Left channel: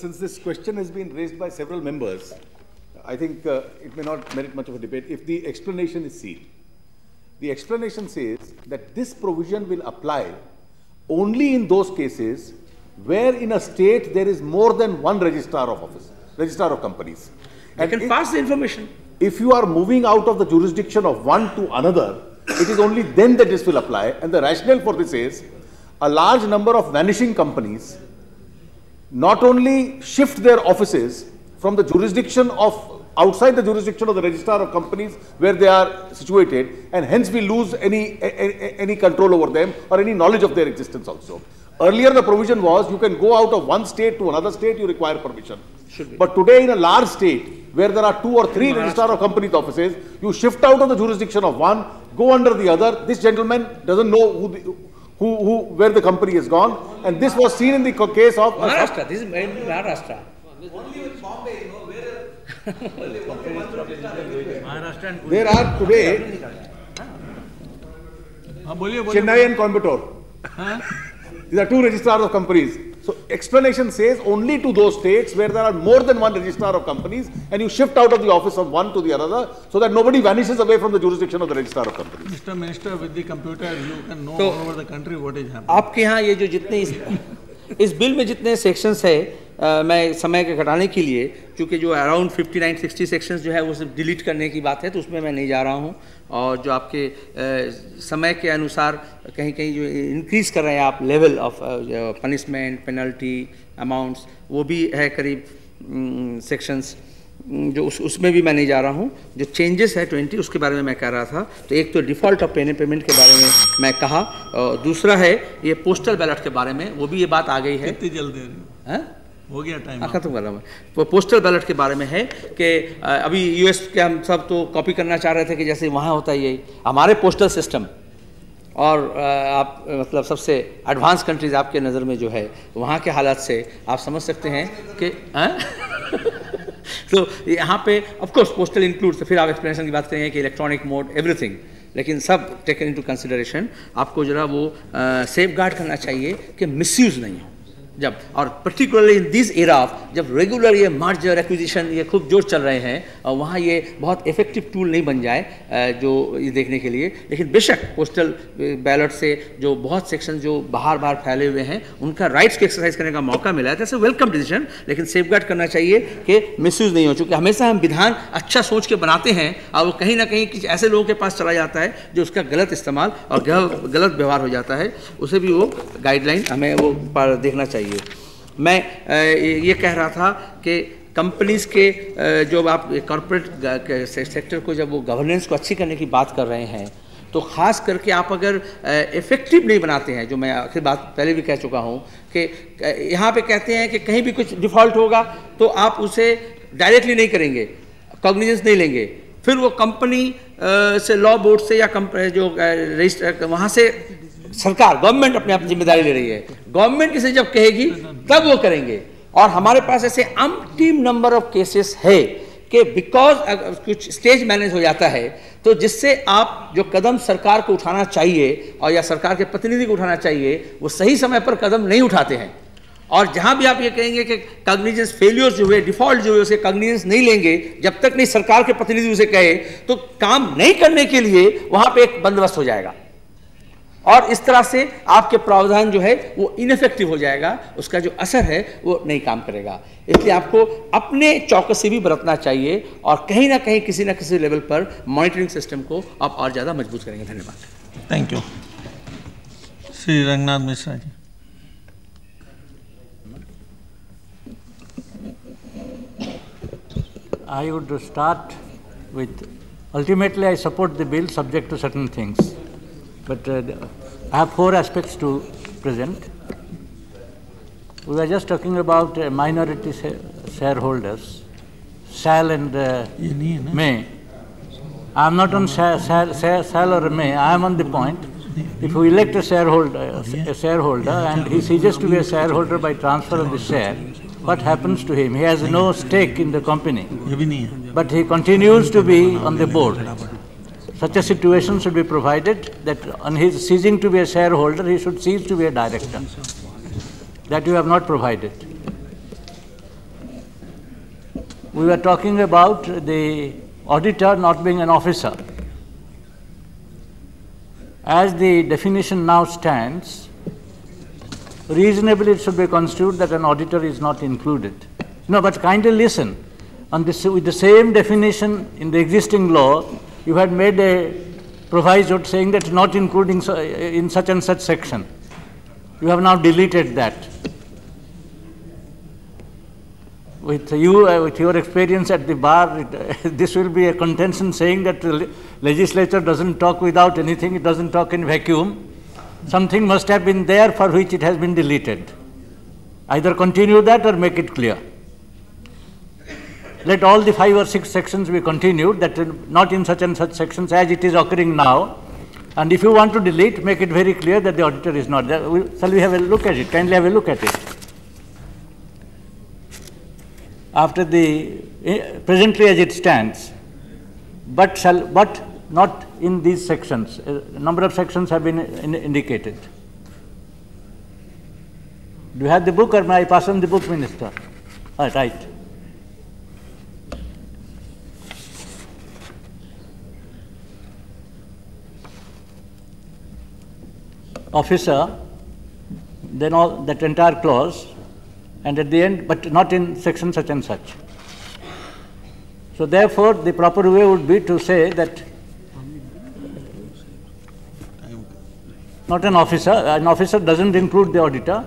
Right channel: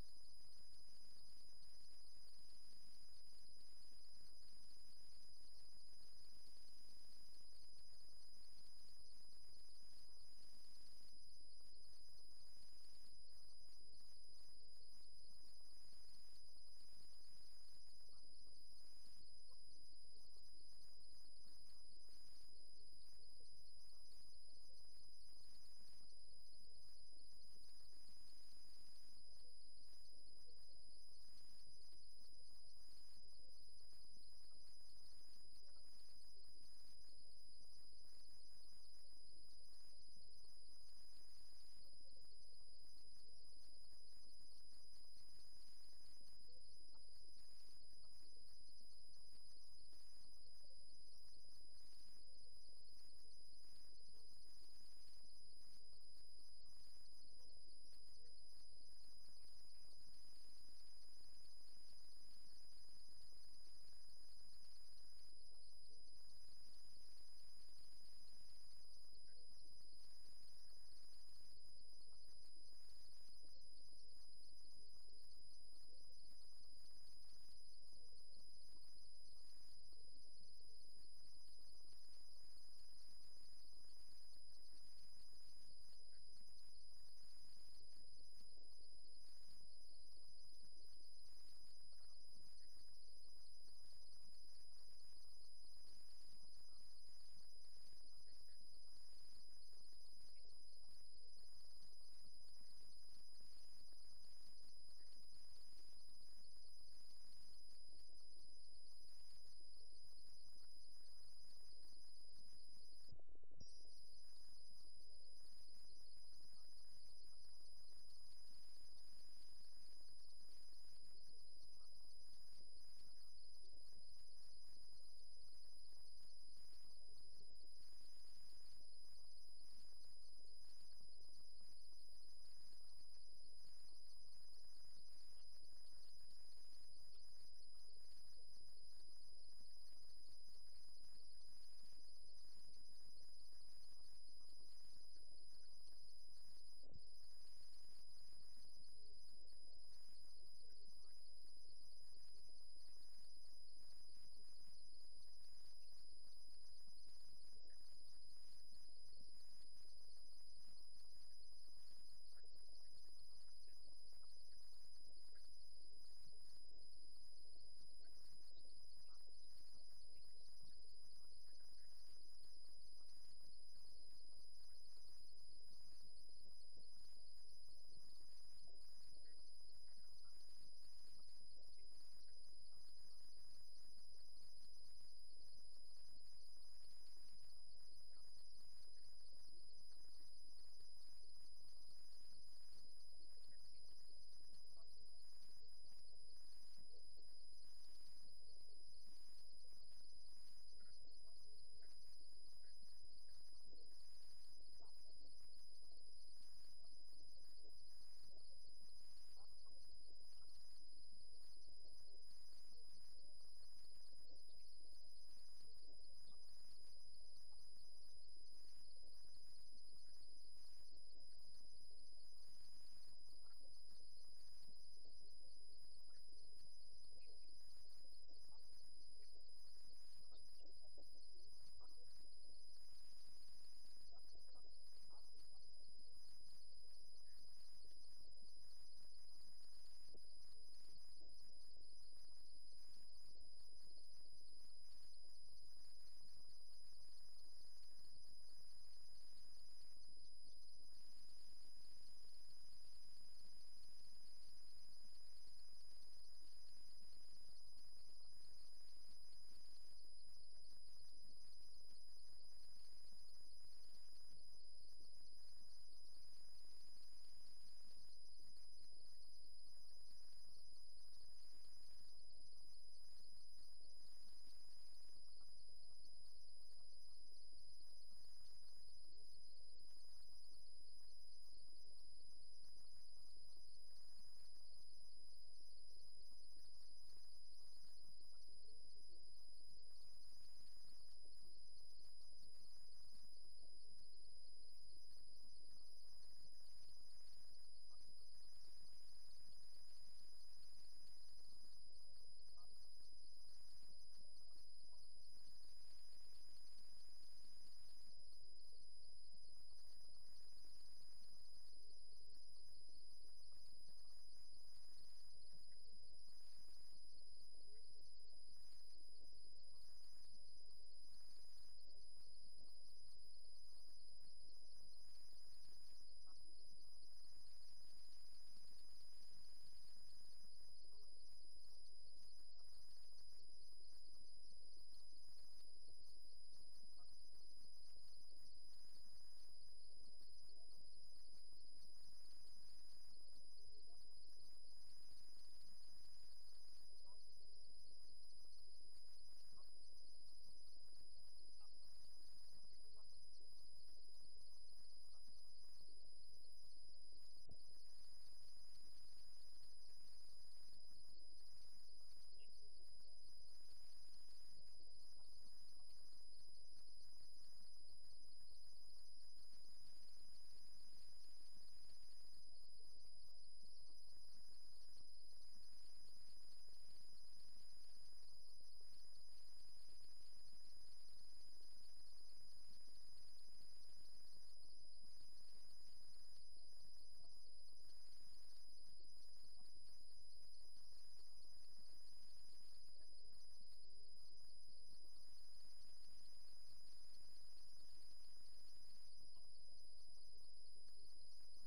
since this question has been raised by several members, I think it may not merit much of a debate if the explanation is seen. The explanation says that this provision will apply only in those cases where in a state there is more than one registrar of companies. And you can pass the information. If you are moving out of the jurisdiction of one to another, it is only then that this will apply. And the rationale for this is a large number of vanishing companies not only shift their offices from the jurisdiction of outside the jurisdiction of the registrar of companies where they are situated, and hence we lose any control over them or any knowledge of their existence also. Earlier the provision was you can go out of one state to another state, you require permission. But today in a large state where there are 2 or 3 registrar of companies offices, you shift out of the jurisdiction of one, go under the other. This gentleman doesn't know where the company has gone, and this was seen in the case of Maharashtra. This is made in Maharashtra. Only in Bombay, you know, where there are today Chennai and Coimbatore. These are 2 registrars of companies. So explanation says only to those states where there are more than one registrar of companies, and you shift out of the office of one to the other, so that nobody vanishes away from the jurisdiction of the registrar of companies. Mr. Minister, with the computer, you can know all over the country what is happening. आपके यहाँ ये जो जितने इस bill में जितने sections है, मैं समय के घटाने के लिए, क्योंकि जो अराउंड 59-60 सेक्शंस जो है वो सिर्फ डिलीट करने की बात है, तो उसमें मैं नहीं जा रहा हूँ. और जो आपके समय के अनुसार कहीं कहीं जो इंक्रीज़ कर रहे हैं आप level of punishment, penalty, amounts, वो भी है करीब सेक्शंस, जो उसमें भी मैं नहीं जा रहा हूँ. जो चेंजेस है 20, उसके बारे में मैं कह रहा था. तो एक तो डिफ़ॉल्ट ऑफ पेमेंट के बारे में मैं कहा, और दूसरा है ये पोस्टल बैलेट के बारे में, वो भी ये बात आ गई है. कितनी जल्दी है? हो गया टाइम. खत्म कर रहा हूँ. वो पोस्टल बैलेट के बारे में है कि अभी यूएस के हम सब तो कॉपी करना चाह रहे थे कि जैसे वहाँ होता है ये हमारे पोस्टल सिस्टम, और आप मतलब सबसे एडवांस कंट्रीज आपके नज़र में जो है वहाँ के हालात से आप समझ सकते हैं कि तो यहाँ पे ऑफ कोर्स पोस्टल इंक्लूड्स, तो फिर आप एक्सप्लेनेशन की बात करेंगे कि इलेक्ट्रॉनिक मोड एवरीथिंग, लेकिन सब टेकन इनटू कंसिडरेशन. आपको जरा वो सेफ गार्ड करना चाहिए कि मिसयूज़ नहीं हो जब, और पर्टिकुलरली इन दिस एरा जब रेगुलर ये मर्जर एक्विजिशन ये खूब जोर चल रहे हैं, और वहाँ ये बहुत इफेक्टिव टूल नहीं बन जाए जो ये देखने के लिए. लेकिन बेशक पोस्टल बैलेट से जो बहुत सेक्शन जो बाहर फैले हुए हैं उनका राइट्स को एक्सरसाइज करने का मौका मिला है, दैट्स अ वेलकम डिसीजन. लेकिन सेफ गार्ड करना चाहिए कि मिसयूज़ नहीं हो, चूँकि हमेशा हम विधान अच्छा सोच के बनाते हैं और वो कहीं ना कहीं किसी ऐसे लोगों के पास चला जाता है जो उसका गलत इस्तेमाल और गलत व्यवहार हो जाता है. उसे भी वो गाइडलाइन हमें वो देखना चाहिए. मैं ये कह रहा था कि कंपनीज के जो आप कॉर्पोरेट सेक्टर को जब वो गवर्नेंस को अच्छी करने की बात कर रहे हैं, तो ख़ास करके आप अगर इफ़ेक्टिव नहीं बनाते हैं, जो मैं आखिर बात पहले भी कह चुका हूँ कि यहाँ पे कहते हैं कि कहीं भी कुछ डिफ़ॉल्ट होगा तो आप उसे डायरेक्टली नहीं करेंगे, कॉग्निजेंस नहीं लेंगे, फिर वो कंपनी से लॉ बोर्ड से या जो रजिस्टर वहाँ से सरकार गवर्नमेंट अपने आप जिम्मेदारी ले रही है, गवर्नमेंट किसी जब कहेगी तब वो करेंगे. और हमारे पास ऐसे अनटीम नंबर ऑफ केसेस है कि बिकॉज कुछ स्टेज मैनेज हो जाता है, तो जिससे आप जो कदम सरकार को उठाना चाहिए और या सरकार के प्रतिनिधि को उठाना चाहिए वो सही समय पर कदम नहीं उठाते हैं. और जहां भी आप ये कहेंगे कि कॉग्निजेंस फेलियर्स जो हुए, डिफॉल्ट जो हुए, उसे कॉग्निजेंस नहीं लेंगे जब तक नहीं सरकार के प्रतिनिधि उसे कहे, तो काम नहीं करने के लिए वहां पे एक बंदोबस्त हो जाएगा और इस तरह से आपके प्रावधान जो है वो इनफेक्टिव हो जाएगा, उसका जो असर है वो नहीं काम करेगा. इसलिए आपको अपने चौकसी भी बरतना चाहिए और कहीं ना कहीं किसी न किसी लेवल पर मॉनिटरिंग सिस्टम को आप और ज़्यादा मजबूत करेंगे. धन्यवाद. Thank you. Shri Ranganath Mishra ji. I would start with, ultimately I support the bill subject to certain things. But I have 4 aspects to present. We were just talking about minority shareholders, shall and may. I am not on shall or may, I am on the point. If we elect a shareholder and he ceases to be a shareholder by transfer of the share, what happens to him? He has no stake in the company, but he continues to be on the board. Such a situation should be provided that on his ceasing to be a shareholder, he should cease to be a director. That you have not provided. we were talking about the auditor not being an officer. As the definition now stands, reasonably it should be construed that an auditor is not included. No, but kindly listen. On this, with the same definition in the existing law, you had made a proviso saying that not including in such and such section. You have now deleted that. With you, with your experience at the bar, this will be a contention saying that the legislature doesn't talk without anything, it doesn't talk in vacuum. Something must have been there for which it has been deleted. Either continue that or make it clear. Let all the 5 or 6 sections be continued, that not in such and such sections as it is occurring now. And if you want to delete, make it very clear that the auditor is not there. Shall we have a look at it? Kindly have a look at it. After the, presently as it stands, but not in these sections. A number of sections have been indicated. Do you have the book or may I pass on the book, Minister? Right. Officer, then all that entire clause, and at the end, but not in section such and such. So therefore, the proper way would be to say that not an officer doesn't include the auditor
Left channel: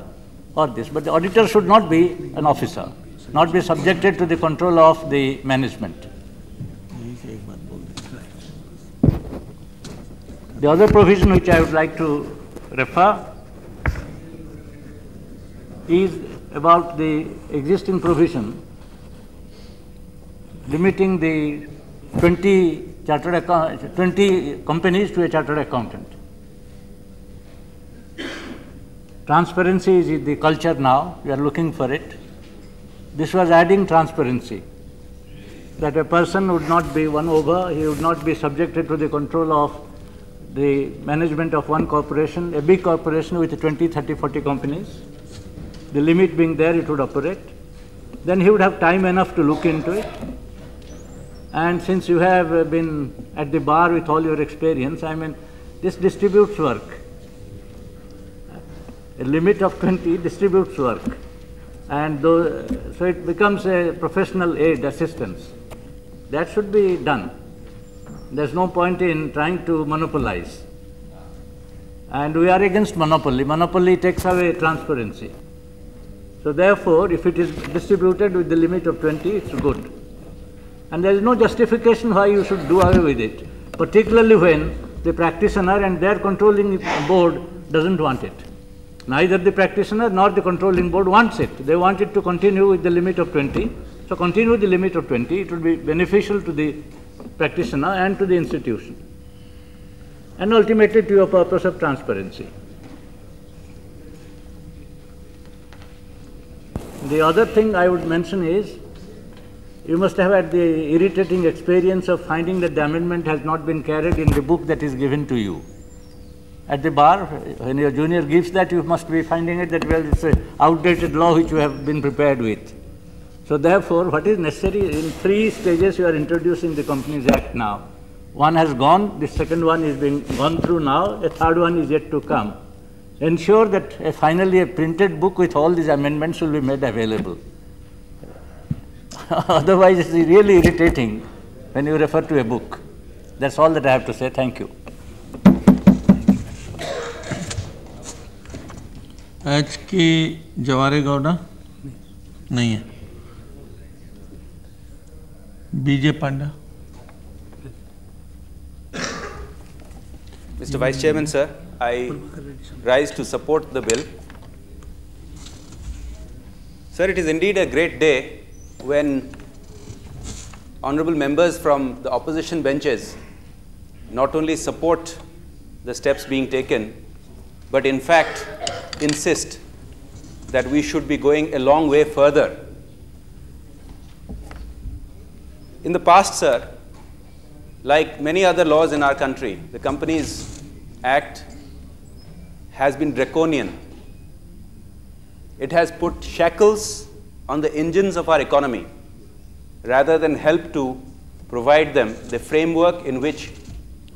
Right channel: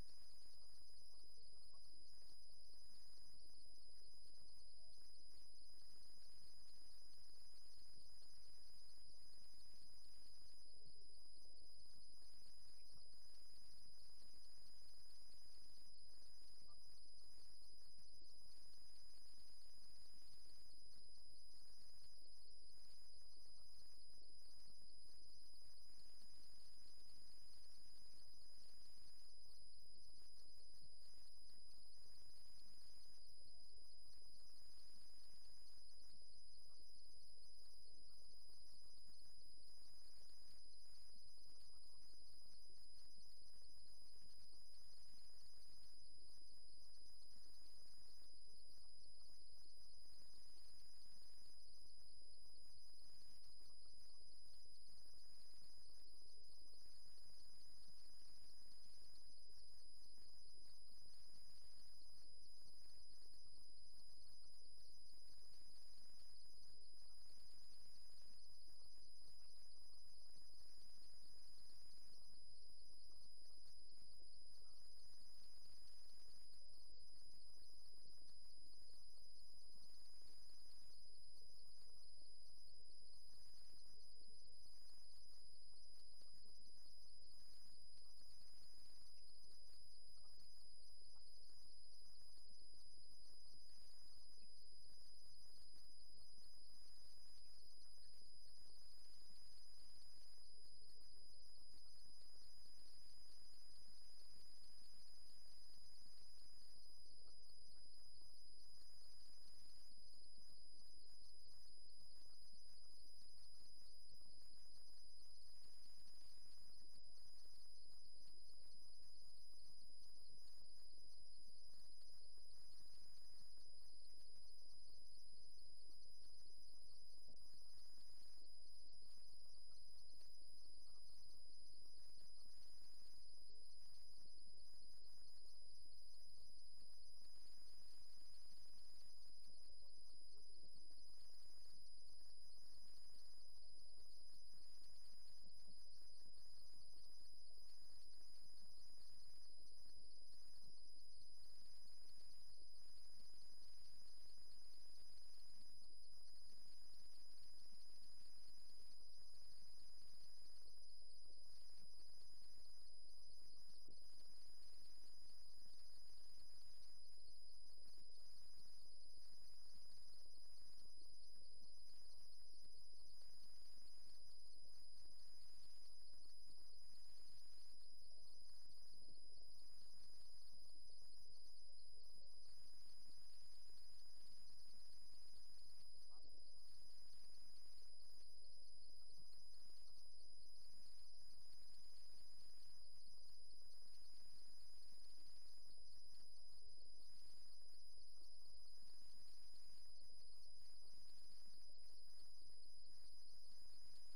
or this, but the auditor should not be an officer, not be subjected to the control of the management. The other provision which I would like to refer is about the existing provision limiting the 20 companies to a chartered accountant. Transparency is the culture now, we are looking for it. This was adding transparency, that a person would not be won over, he would not be subjected to the control of the management of one corporation, a big corporation with 20, 30, 40 companies. The limit being there, it would operate. Then he would have time enough to look into it. And since you have been at the bar with all your experience, I mean, this distributes work. A limit of 20 distributes work. And so it becomes a professional aid, assistance. That should be done. There's no point in trying to monopolize. And we are against monopoly. Monopoly takes away transparency. So therefore, if it is distributed with the limit of 20, it's good. And there is no justification why you should do away with it, particularly when the practitioner and their controlling board doesn't want it. Neither the practitioner nor the controlling board wants it. They want it to continue with the limit of 20. So continue with the limit of 20. It will be beneficial to the practitioner and to the institution, and ultimately to your purpose of transparency. The other thing I would mention is, you must have had the irritating experience of finding that the amendment has not been carried in the book that is given to you. At the bar, when your junior gives that, you must be finding it that, well, it's an outdated law which you have been prepared with. So therefore, what is necessary, in 3 stages you are introducing the Companies Act now. One has gone, the second one is being gone through now, a third one is yet to come. Ensure that finally a printed book with all these amendments will be made available. Otherwise, it's really irritating when you refer to a book. That's all that I have to say. Thank you. आज की जवारे गौड़ा नहीं है. बीजे पांडा. Mr. Vice Chairman, sir, I rise to support the bill. Sir, it is indeed a great day when honorable members from the opposition benches not only support the steps being taken, but in fact insist that we should be going a long way further. In the past, sir, like many other laws in our country, the Companies Act has been draconian. It has put shackles on the engines of our economy. rather than help to provide them the framework in which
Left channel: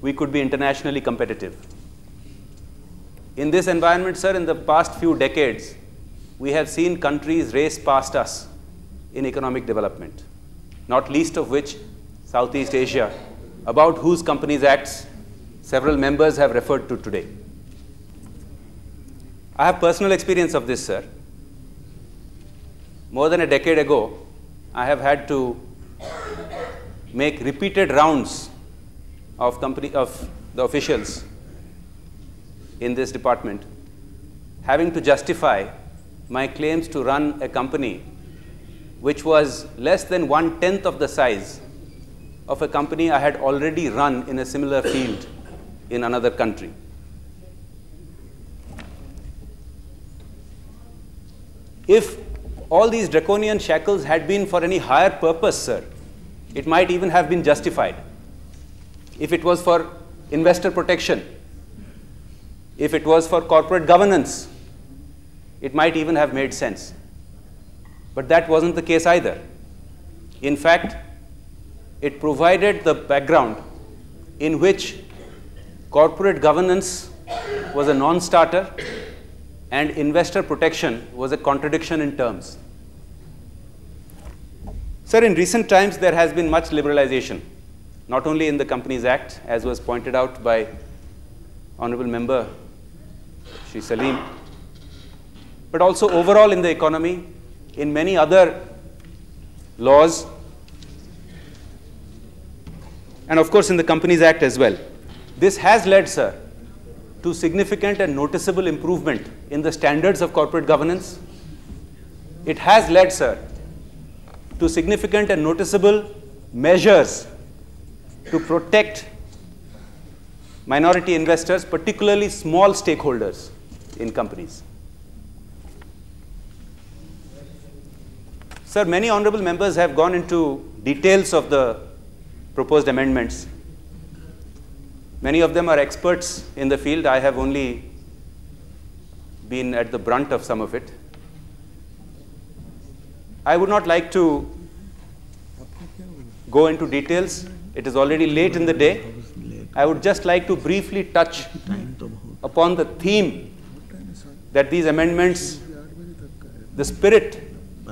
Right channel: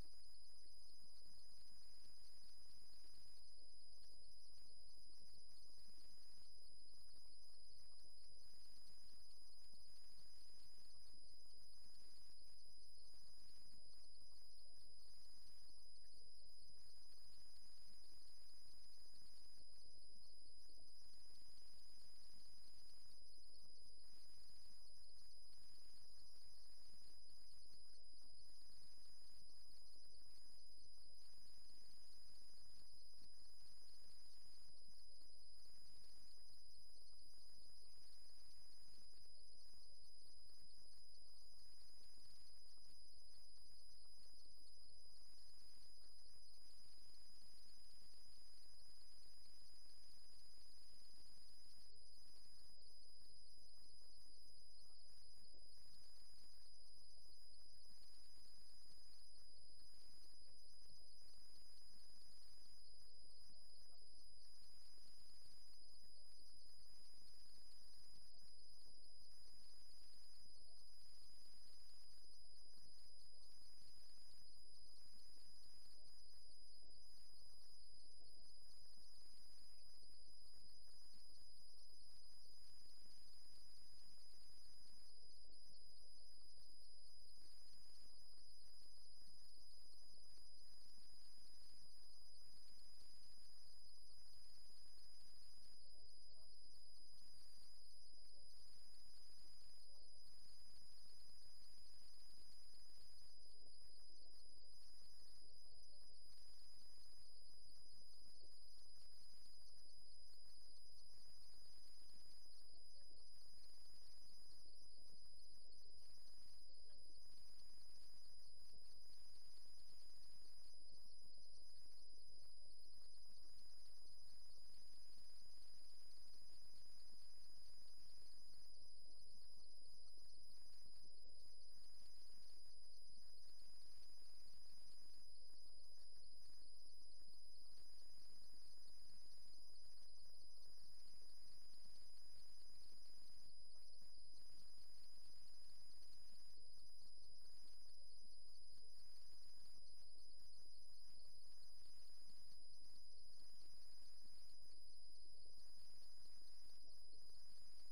we could be internationally competitive. In this environment, sir, in the past few decades, we have seen countries race past us in economic development, not least of which Southeast Asia, about whose Companies Acts several members have referred to today. I have personal experience of this, sir. More than a decade ago, I have had to make repeated rounds of the officials in this department, having to justify my claims to run a company which was less than 1/10 of the size of a company I had already run in a similar field in another country. If all these draconian shackles had been for any higher purpose, sir, it might even have been justified. If it was for investor protection, if it was for corporate governance, it might even have made sense. But that wasn't the case either. In fact, it provided the background in which corporate governance was a non-starter and investor protection was a contradiction in terms. Sir, in recent times, there has been much liberalization, not only in the Companies Act, as was pointed out by Honorable Member Shri Salim, but also overall in the economy, in many other laws, and of course in the Companies Act as well. This has led, sir, to significant and noticeable improvement in the standards of corporate governance. It has led, sir, to significant and noticeable measures to protect minority investors, particularly small stakeholders in companies. Sir, many honorable members have gone into details of the proposed amendments. Many of them are experts in the field. I have only been at the brunt of some of it. I would not like to go into details. It is already late in the day. I would just like to briefly touch upon the theme that these amendments, the spirit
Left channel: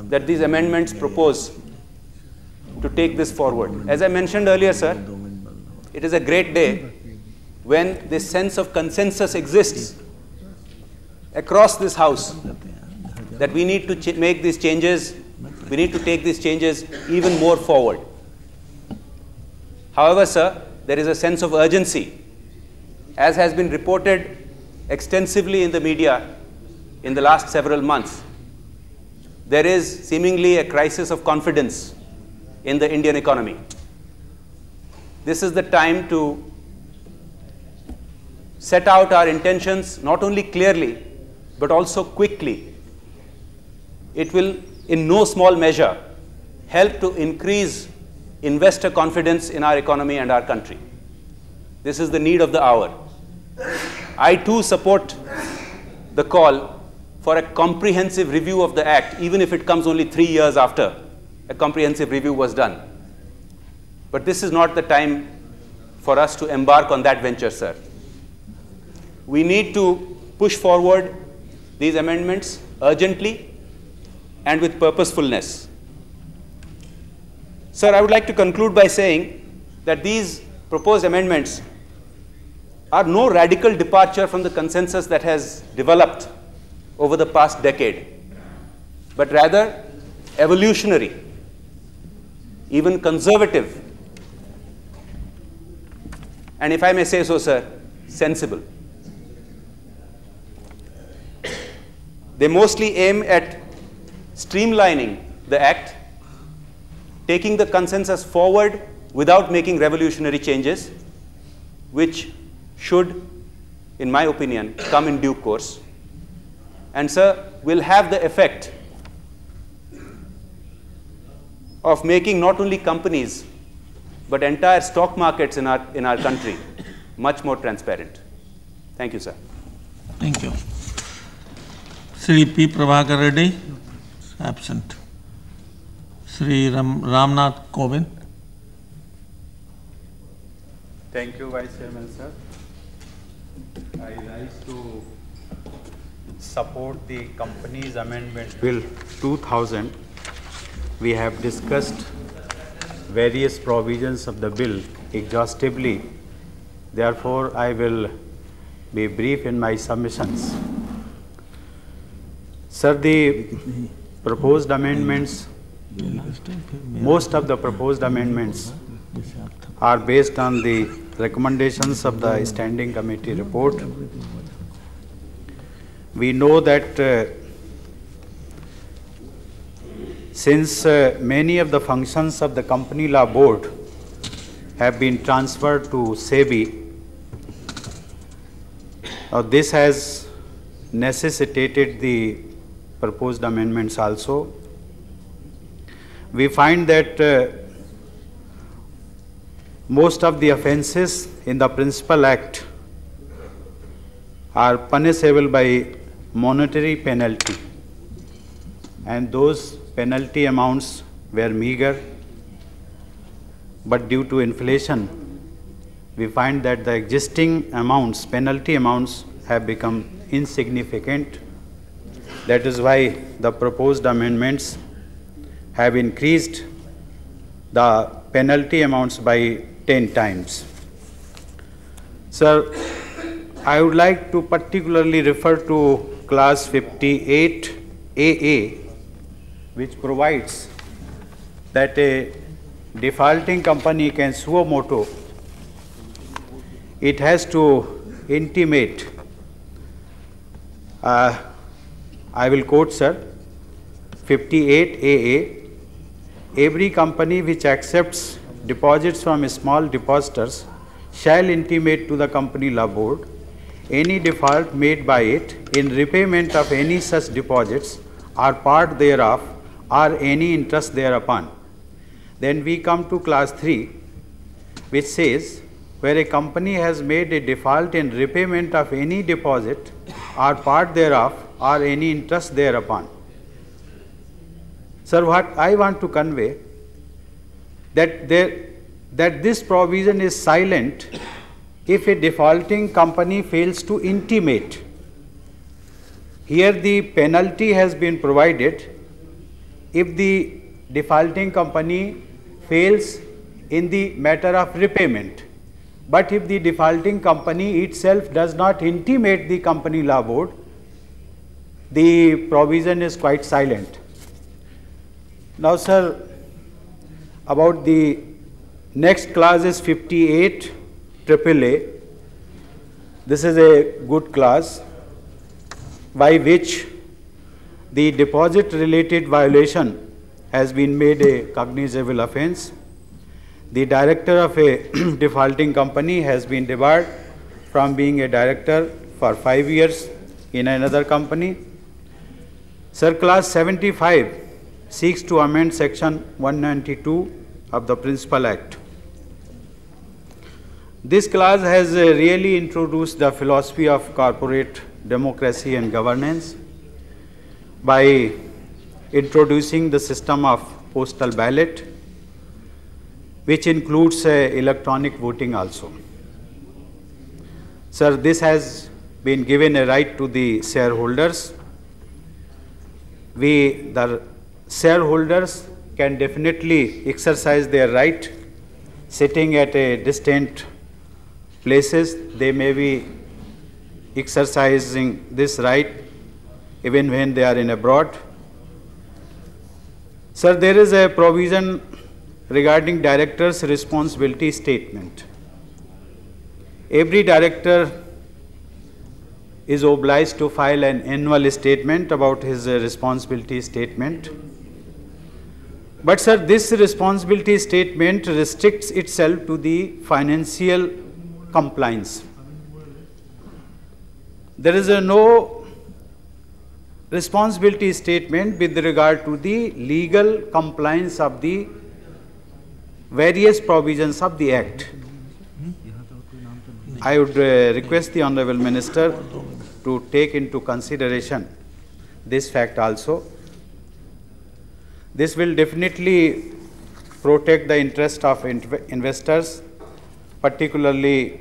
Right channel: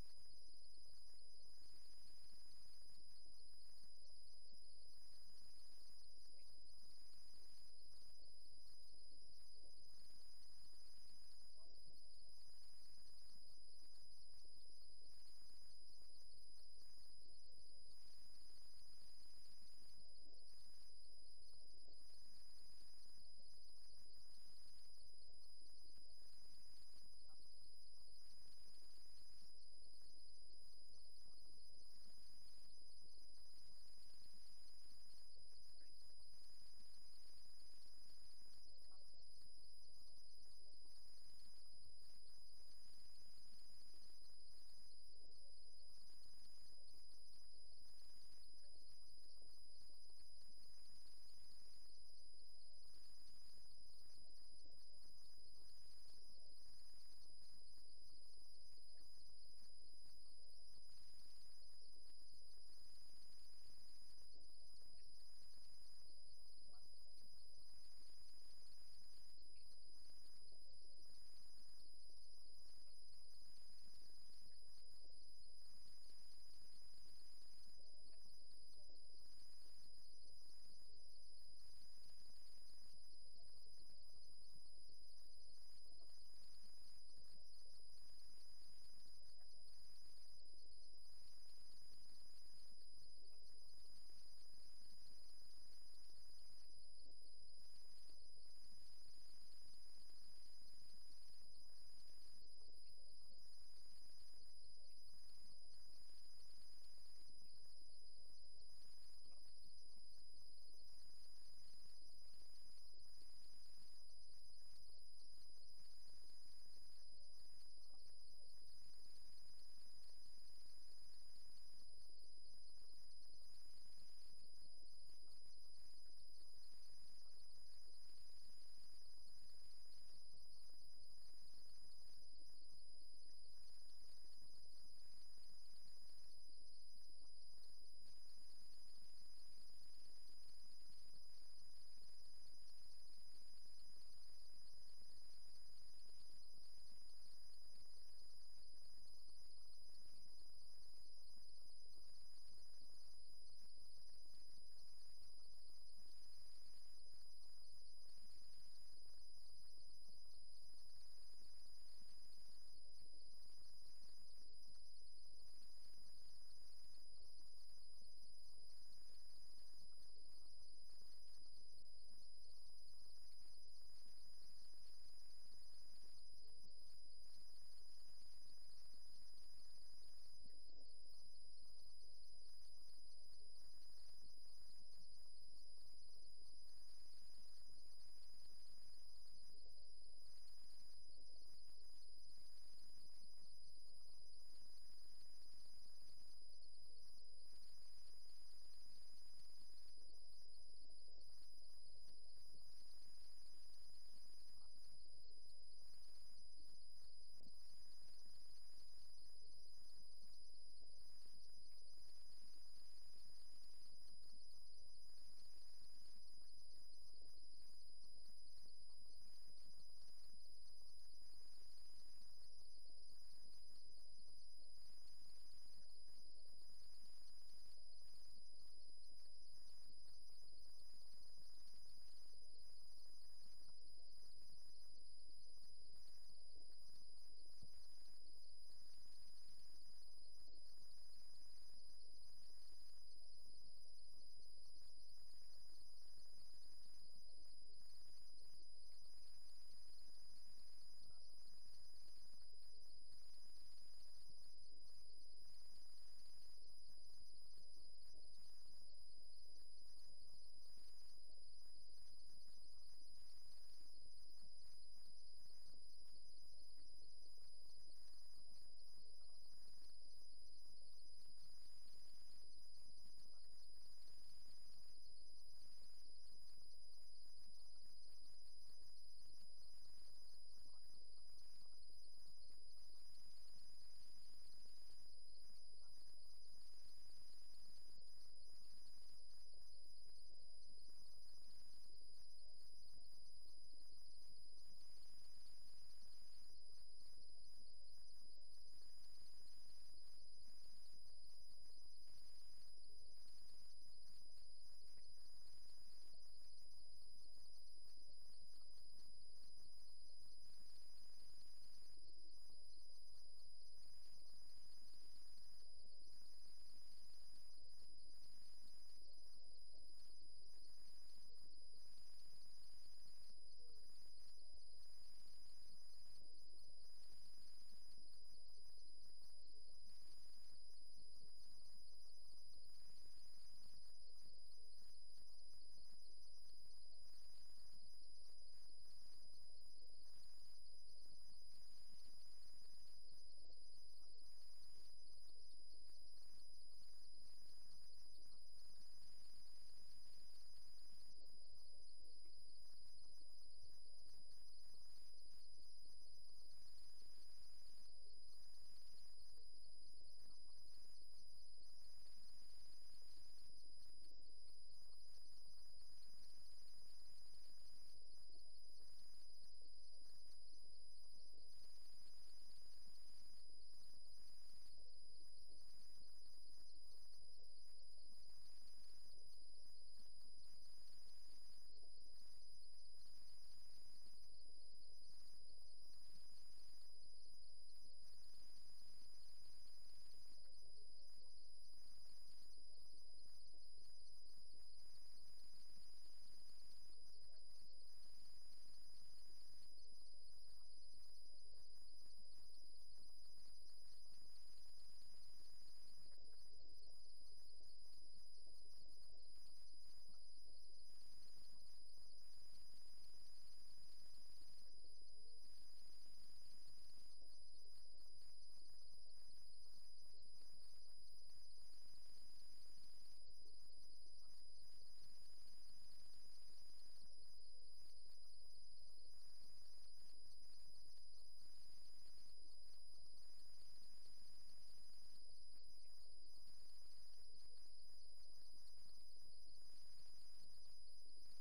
that these amendments propose to take this forward. As I mentioned earlier, sir, it is a great day when this sense of consensus exists across this House that we need to make these changes, we need to take these changes even more forward. However, sir, there is a sense of urgency, as has been reported extensively in the media in the last several months. There is seemingly a crisis of confidence in the Indian economy. This is the time to set out our intentions not only clearly, but also quickly. It will, in no small measure, help to increase investor confidence in our economy and our country. This is the need of the hour. I too support the call for a comprehensive review of the Act, even if it comes only 3 years after a comprehensive review was done. But this is not the time for us to embark on that venture, sir. We need to push forward these amendments urgently and with purposefulness. Sir, I would like to conclude by saying that these proposed amendments are no radical departure from the consensus that has developed over the past decade, but rather evolutionary, even conservative, and if I may say so, sir, sensible. They mostly aim at streamlining the Act, taking the consensus forward without making revolutionary changes, which should, in my opinion, come in due course. And, sir, will have the effect of making not only companies, but entire stock markets in our country much more transparent. Thank you, sir. Thank you. Sri P. Prabhakar Reddy, absent. Sri Ramnath Kovind. Thank you, Vice Chairman, sir. I rise to support the Companies Amendment Bill 2000. We have discussed various provisions of the bill exhaustively. Therefore, I will be brief in my submissions. Sir, the proposed amendments, most of the proposed amendments are based on the recommendations of the Standing Committee report. We know that since many of the functions of the Company Law Board have been transferred to SEBI, this has necessitated the proposed amendments also. We find that most of the offences in the Principal Act are punishable by monetary penalty, and those penalty amounts were meager, but due to inflation, we find that the existing amounts, penalty amounts, have become insignificant. That is why the proposed amendments have increased the penalty amounts by 10 times. Sir, I would like to particularly refer to clause 58 AA, which provides that a defaulting company can suo motu. It has to intimate, I will quote, sir, 58 AA, every company which accepts deposits from small depositors shall intimate to the Company Law Board any default made by it in repayment of any such deposits or part thereof or any interest thereupon. Then we come to clause 3, which says, where a company has made a default in repayment of any deposit or part thereof or any interest thereupon. Sir, what I want to convey, that this provision is silent if a defaulting company fails to intimate. Here the penalty has been provided if the defaulting company fails in the matter of repayment. But if the defaulting company itself does not intimate the Company Law Board, the provision is quite silent. Now, sir, about the next clause is 58 AAA. This is a good clause by which the deposit related violation has been made a cognizable offense. The director of a defaulting company has been debarred from being a director for 5 years in another company. Sir, clause 75 seeks to amend section 192 of the Principal Act. This clause has really introduced the philosophy of corporate democracy and governance by introducing the system of postal ballot, which includes electronic voting also. Sir, this has been given a right to the shareholders. The shareholders can definitely exercise their right sitting at a distant places. They may be exercising this right even when they are in abroad. Sir, there is a provision regarding director's responsibility statement. Every director is obliged to file an annual statement about his responsibility statement. But sir, this responsibility statement restricts itself to the financial compliance. There is no responsibility statement with regard to the legal compliance of the various provisions of the Act. I would request the Honorable Minister to take into consideration this fact also. This will definitely protect the interest of investors, particularly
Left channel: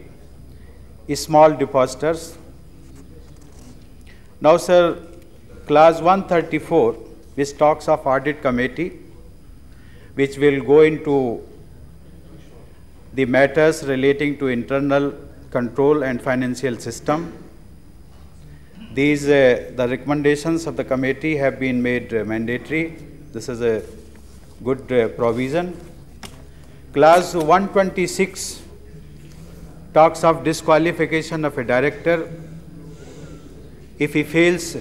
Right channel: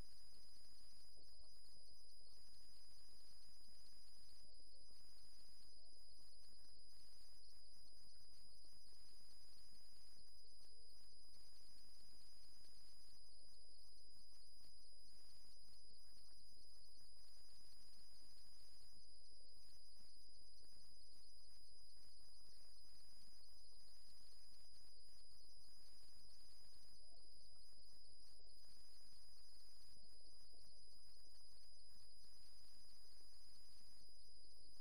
small depositors. Now, sir, clause 134, which talks of audit committee, which will go into the matters relating to internal control and financial system. These, the recommendations of the committee have been made mandatory. This is a good provision. Clause 126 talks of disqualification of a director if he fails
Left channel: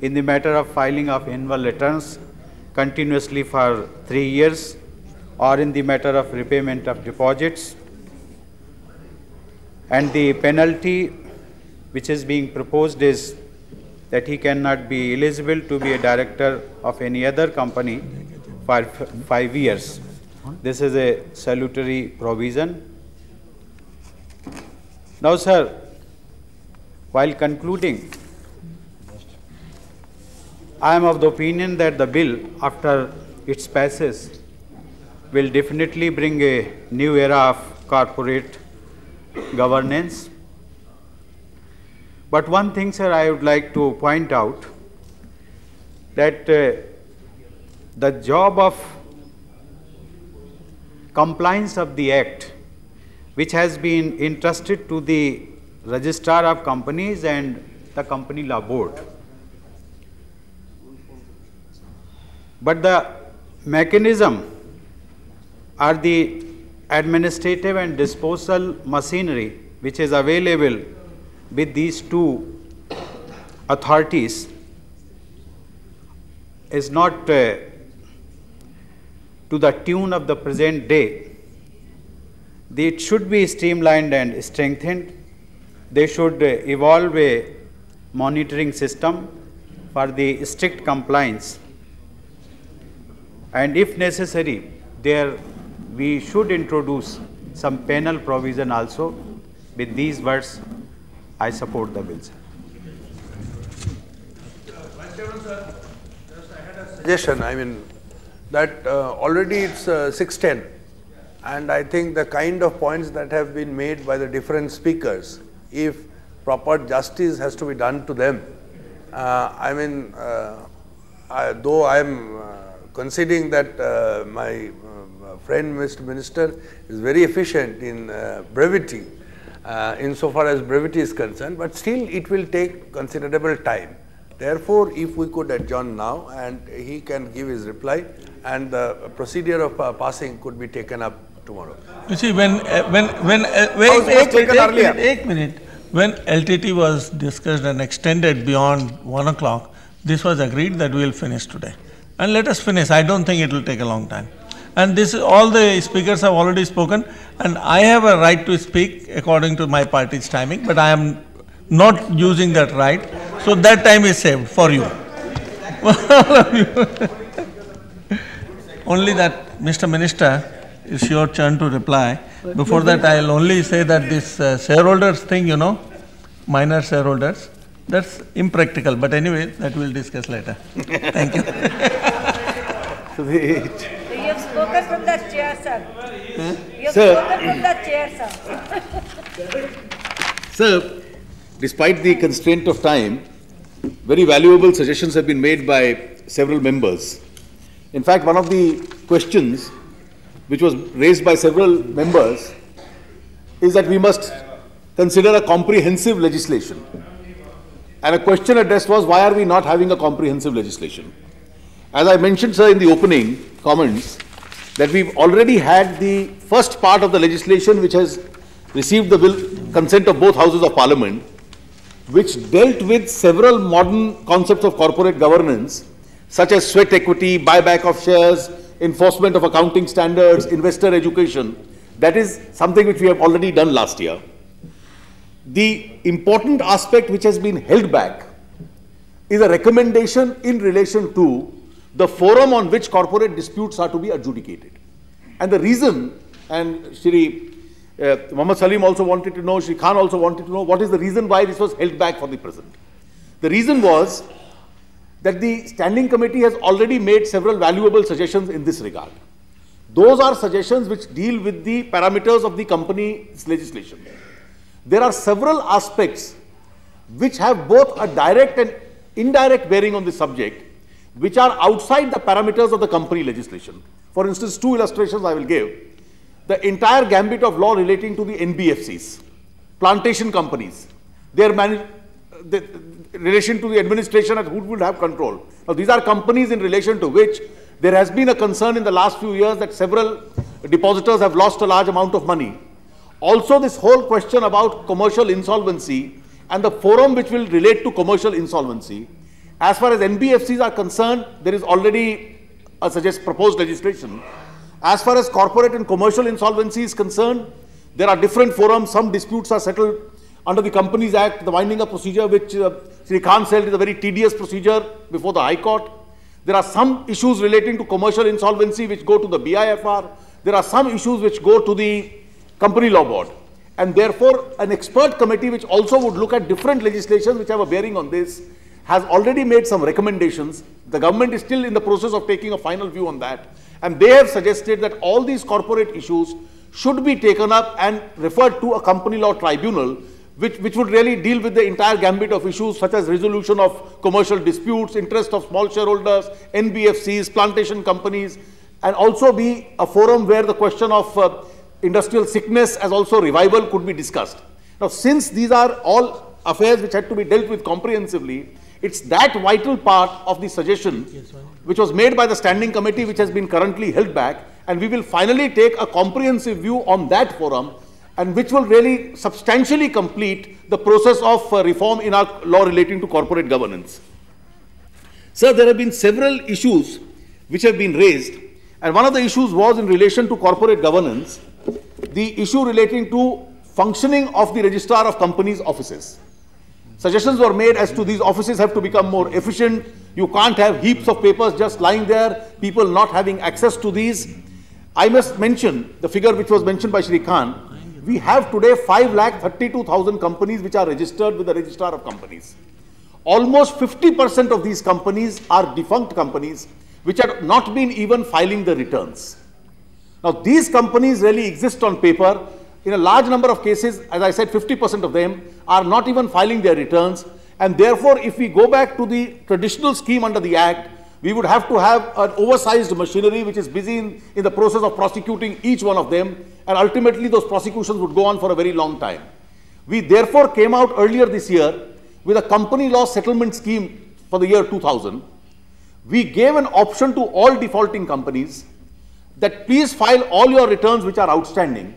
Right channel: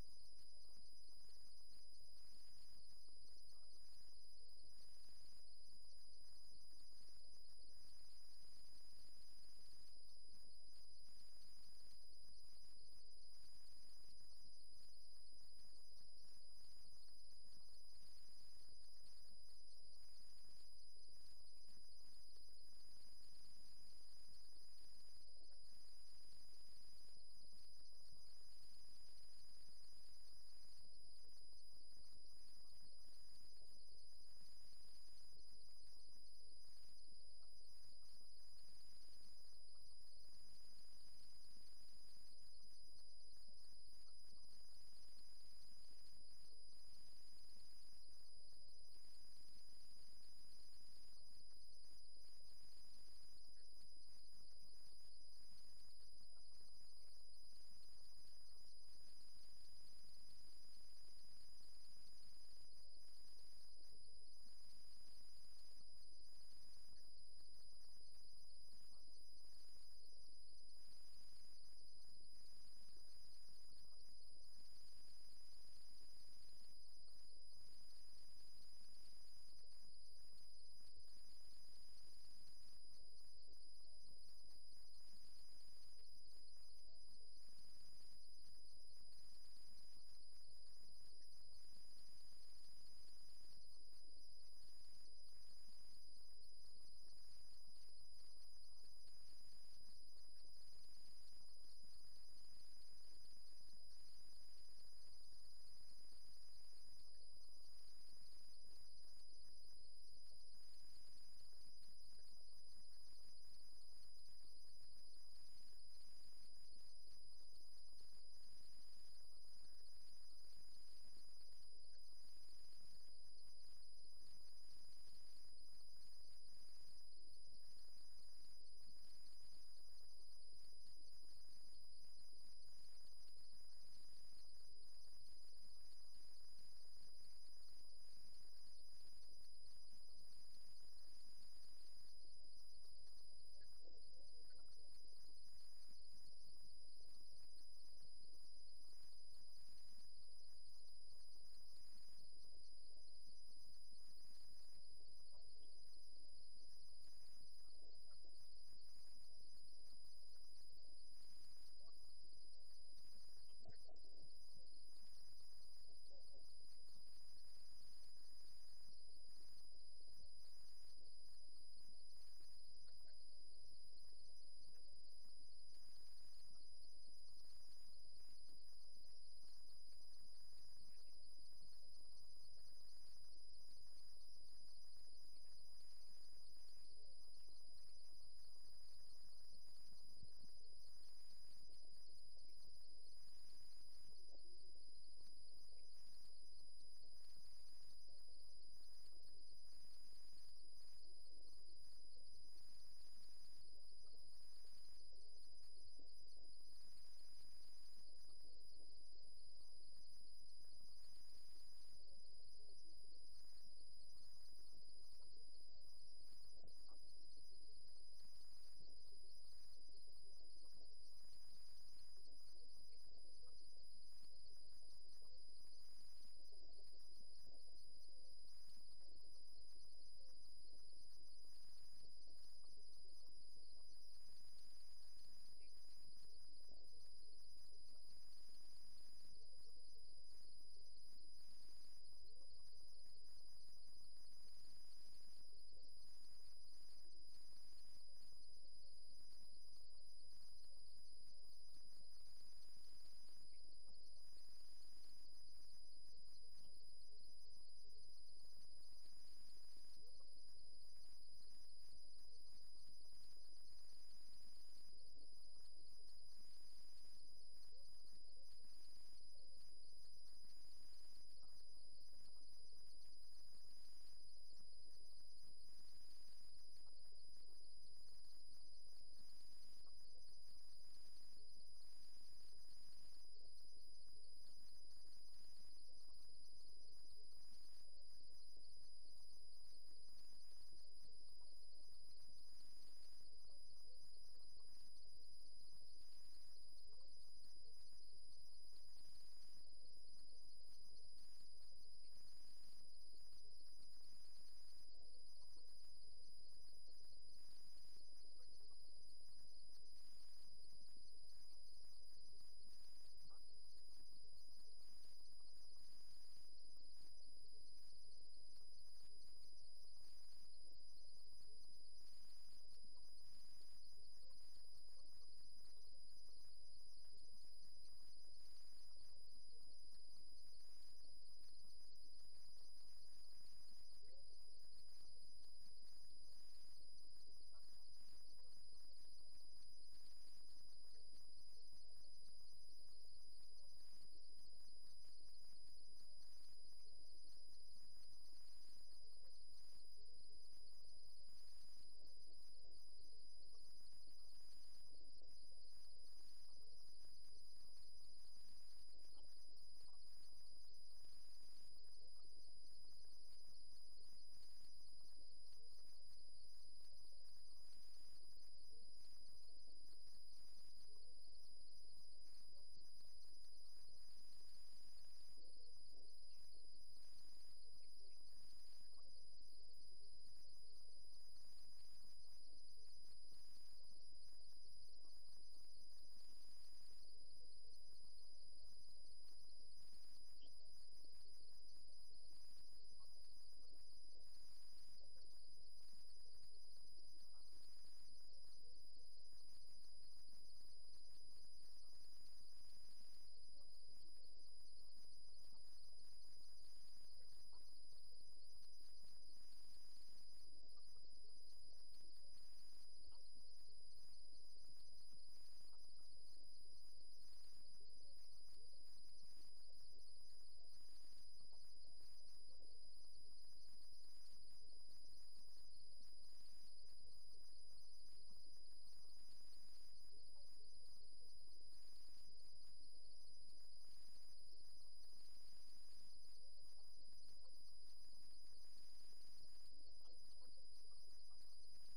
in the matter of filing of annual returns continuously for 3 years, or in the matter of repayment of deposits. And the penalty which is being proposed is that he cannot be eligible to be a director of any other company for 5 years. This is a salutary provision. Now, sir, while concluding, I am of the opinion that the bill, after its passage, will definitely bring a new era of corporate governance. But one thing, sir, I would like to point out that the job of compliance of the Act, which has been entrusted to the Registrar of Companies and the Company Law Board. But the mechanism or the administrative and disposal machinery which is available with these two authorities is not to the tune of the present day. It should be streamlined and strengthened. They should evolve a monitoring system for the strict compliance. And if necessary, we should introduce some penal provision also. With these words, I support the bill, sir. Suggestion, I mean, that already it's 6:10, and I think the kind of points that have been made by the different speakers, if proper justice has to be done to them, I mean, though I am conceding that my friend Mr. Minister is very efficient in brevity, insofar as brevity is concerned, but still it will take considerable time. Therefore, if we could adjourn now and he can give his reply, and the procedure of passing could be taken up tomorrow. You see, when LTT was discussed and extended beyond 1 o'clock, this was agreed that we will finish today. And let us finish. I don't think it will take a long time. And this, all the speakers have already spoken, and I have a right to speak according to my party's timing, but I am not using that right. So that time is saved for you. Only that, Mr. Minister, it's your turn to reply. Before that, I'll only say that this shareholders thing, you know, minor shareholders, that's impractical. But anyway, that we'll discuss later. Thank you. You have spoken from that chair, sir. You have spoken from that chair, sir. Sir, despite the constraint of time, very valuable suggestions have been made by several members. In fact, one of the questions which was raised by several members is that we must consider a comprehensive legislation. And a question addressed was, why are we not having a comprehensive legislation? As I mentioned, sir, in the opening comments, that we've already had the first part of the legislation which has received the consent of both houses of parliament, which dealt with several modern concepts of corporate governance, such as sweat equity, buyback of shares, enforcement of accounting standards, investor education. That is something which we have already done last year. The important aspect which has been held back is a recommendation in relation to the forum on which corporate disputes are to be adjudicated. And the reason, and Shri Muhammad Salim also wanted to know, Shri Khan also wanted to know, what is the reason why this was held back for the present. The reason was that the standing committee has already made several valuable suggestions in this regard. Those are suggestions which deal with the parameters of the company's legislation. There are several aspects which have both a direct and indirect bearing on the subject, which are outside the parameters of the company legislation. For instance, two illustrations I will give. The entire gambit of law relating to the NBFCs, plantation companies, their relation to the administration and who would have control. Now, these are companies in relation to which there has been a concern in the last few years that several depositors have lost a large amount of money. Also, this whole question about commercial insolvency and the forum which will relate to commercial insolvency. As far as NBFCs are concerned, there is already a proposed legislation. As far as corporate and commercial insolvency is concerned, there are different forums. Some disputes are settled under the Companies Act, the winding up procedure, which Sri Khan said is a very tedious procedure before the High Court. There are some issues relating to commercial insolvency which go to the BIFR. There are some issues which go to the Company Law Board. And therefore, an expert committee which also would look at different legislations which have a bearing on this has already made some recommendations. The government is still in the process of taking a final view on that. And they have suggested that all these corporate issues should be taken up and referred to a company law tribunal, which would really deal with the entire gambit of issues such as resolution of commercial disputes, interest of small shareholders, NBFCs, plantation companies, and also be a forum where the question of industrial sickness as also revival could be discussed. Now, since these are all affairs which had to be dealt with comprehensively, it's that vital part of the suggestion which was made by the standing committee which has been currently held back, and we will finally take a comprehensive view on that forum, and which will really substantially complete the process of reform in our law relating to corporate governance. Sir, there have been several issues which have been raised, and one of the issues was in relation to corporate governance, the issue relating to functioning of the registrar of companies' offices. Suggestions were made as to these offices have to become more efficient. You can't have heaps of papers just lying there, people not having access to these. I must mention the figure which was mentioned by Shri Khan. We have today 5,32,000 companies which are registered with the registrar of companies. Almost 50% of these companies are defunct companies which have not been even filing the returns. Now, these companies really exist on paper. In a large number of cases, as I said, 50% of them are not even filing their returns. And therefore, if we go back to the traditional scheme under the Act, we would have to have an oversized machinery which is busy in the process of prosecuting each one of them. And ultimately, those prosecutions would go on for a very long time. We therefore came out earlier this year with a company law settlement scheme for the year 2000. We gave an option to all defaulting companies that please file all your returns which are outstanding.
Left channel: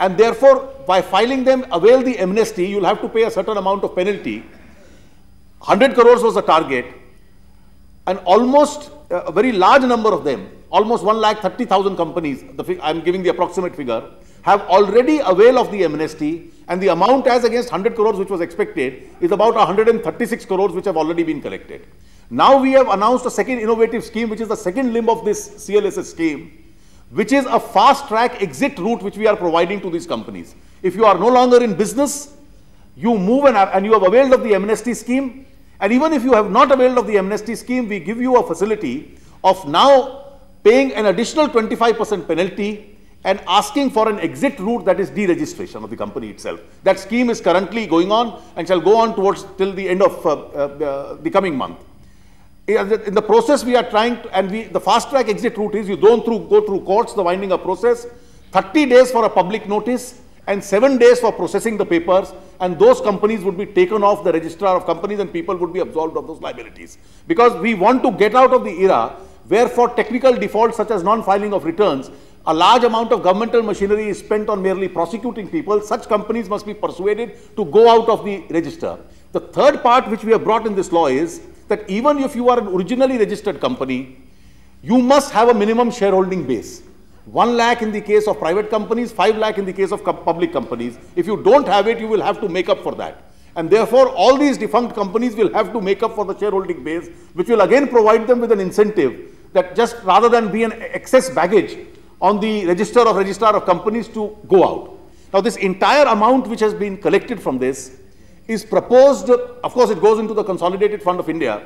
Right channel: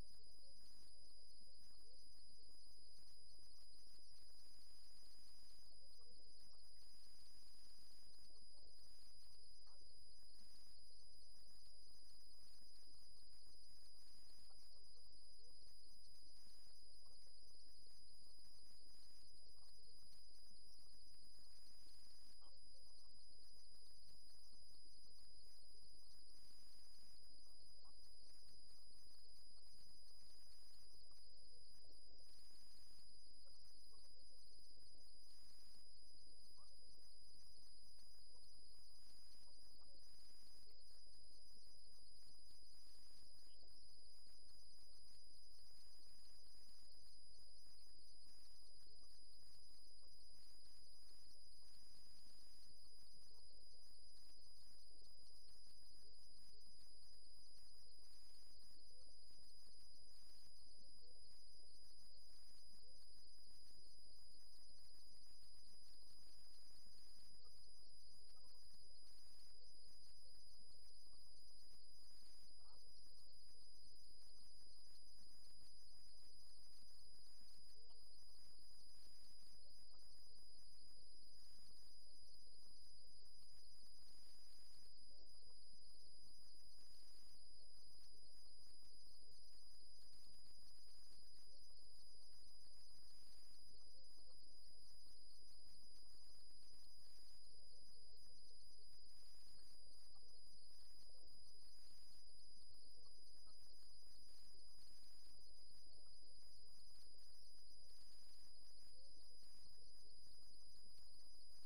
And therefore, by filing them, avail the amnesty. You'll have to pay a certain amount of penalty. 100 crores was the target. And almost a very large number of them, almost 130,000 companies, I'm giving the approximate figure, have already availed of the amnesty. And the amount as against 100 crores which was expected is about 136 crores which have already been collected. Now we have announced a second innovative scheme, which is the second limb of this CLSS scheme, which is a fast-track exit route which we are providing to these companies. If you are no longer in business, you move and you have availed of the amnesty scheme, and even if you have not availed of the amnesty scheme, we give you a facility of now paying an additional 25% penalty and asking for an exit route, that is deregistration of the company itself. That scheme is currently going on and shall go on towards till the end of the coming month. In the process, we are trying to, and the fast-track exit route is you don't go through courts, the winding up process, 30 days for a public notice, and 7 days for processing the papers, and those companies would be taken off the registrar of companies and people would be absolved of those liabilities. Because we want to get out of the era where for technical defaults such as non-filing of returns, a large amount of governmental machinery is spent on merely prosecuting people. Such companies must be persuaded to go out of the register. The third part which we have brought in this law is that even if you are an originally registered company, you must have a minimum shareholding base. 1 lakh in the case of private companies, 5 lakh in the case of public companies. If you don't have it, you will have to make up for that. And therefore, all these defunct companies will have to make up for the shareholding base, which will again provide them with an incentive that just rather than be an excess baggage on the registrar of companies to go out. Now, this entire amount which has been collected from this is proposed, of course, it goes into the Consolidated Fund of India,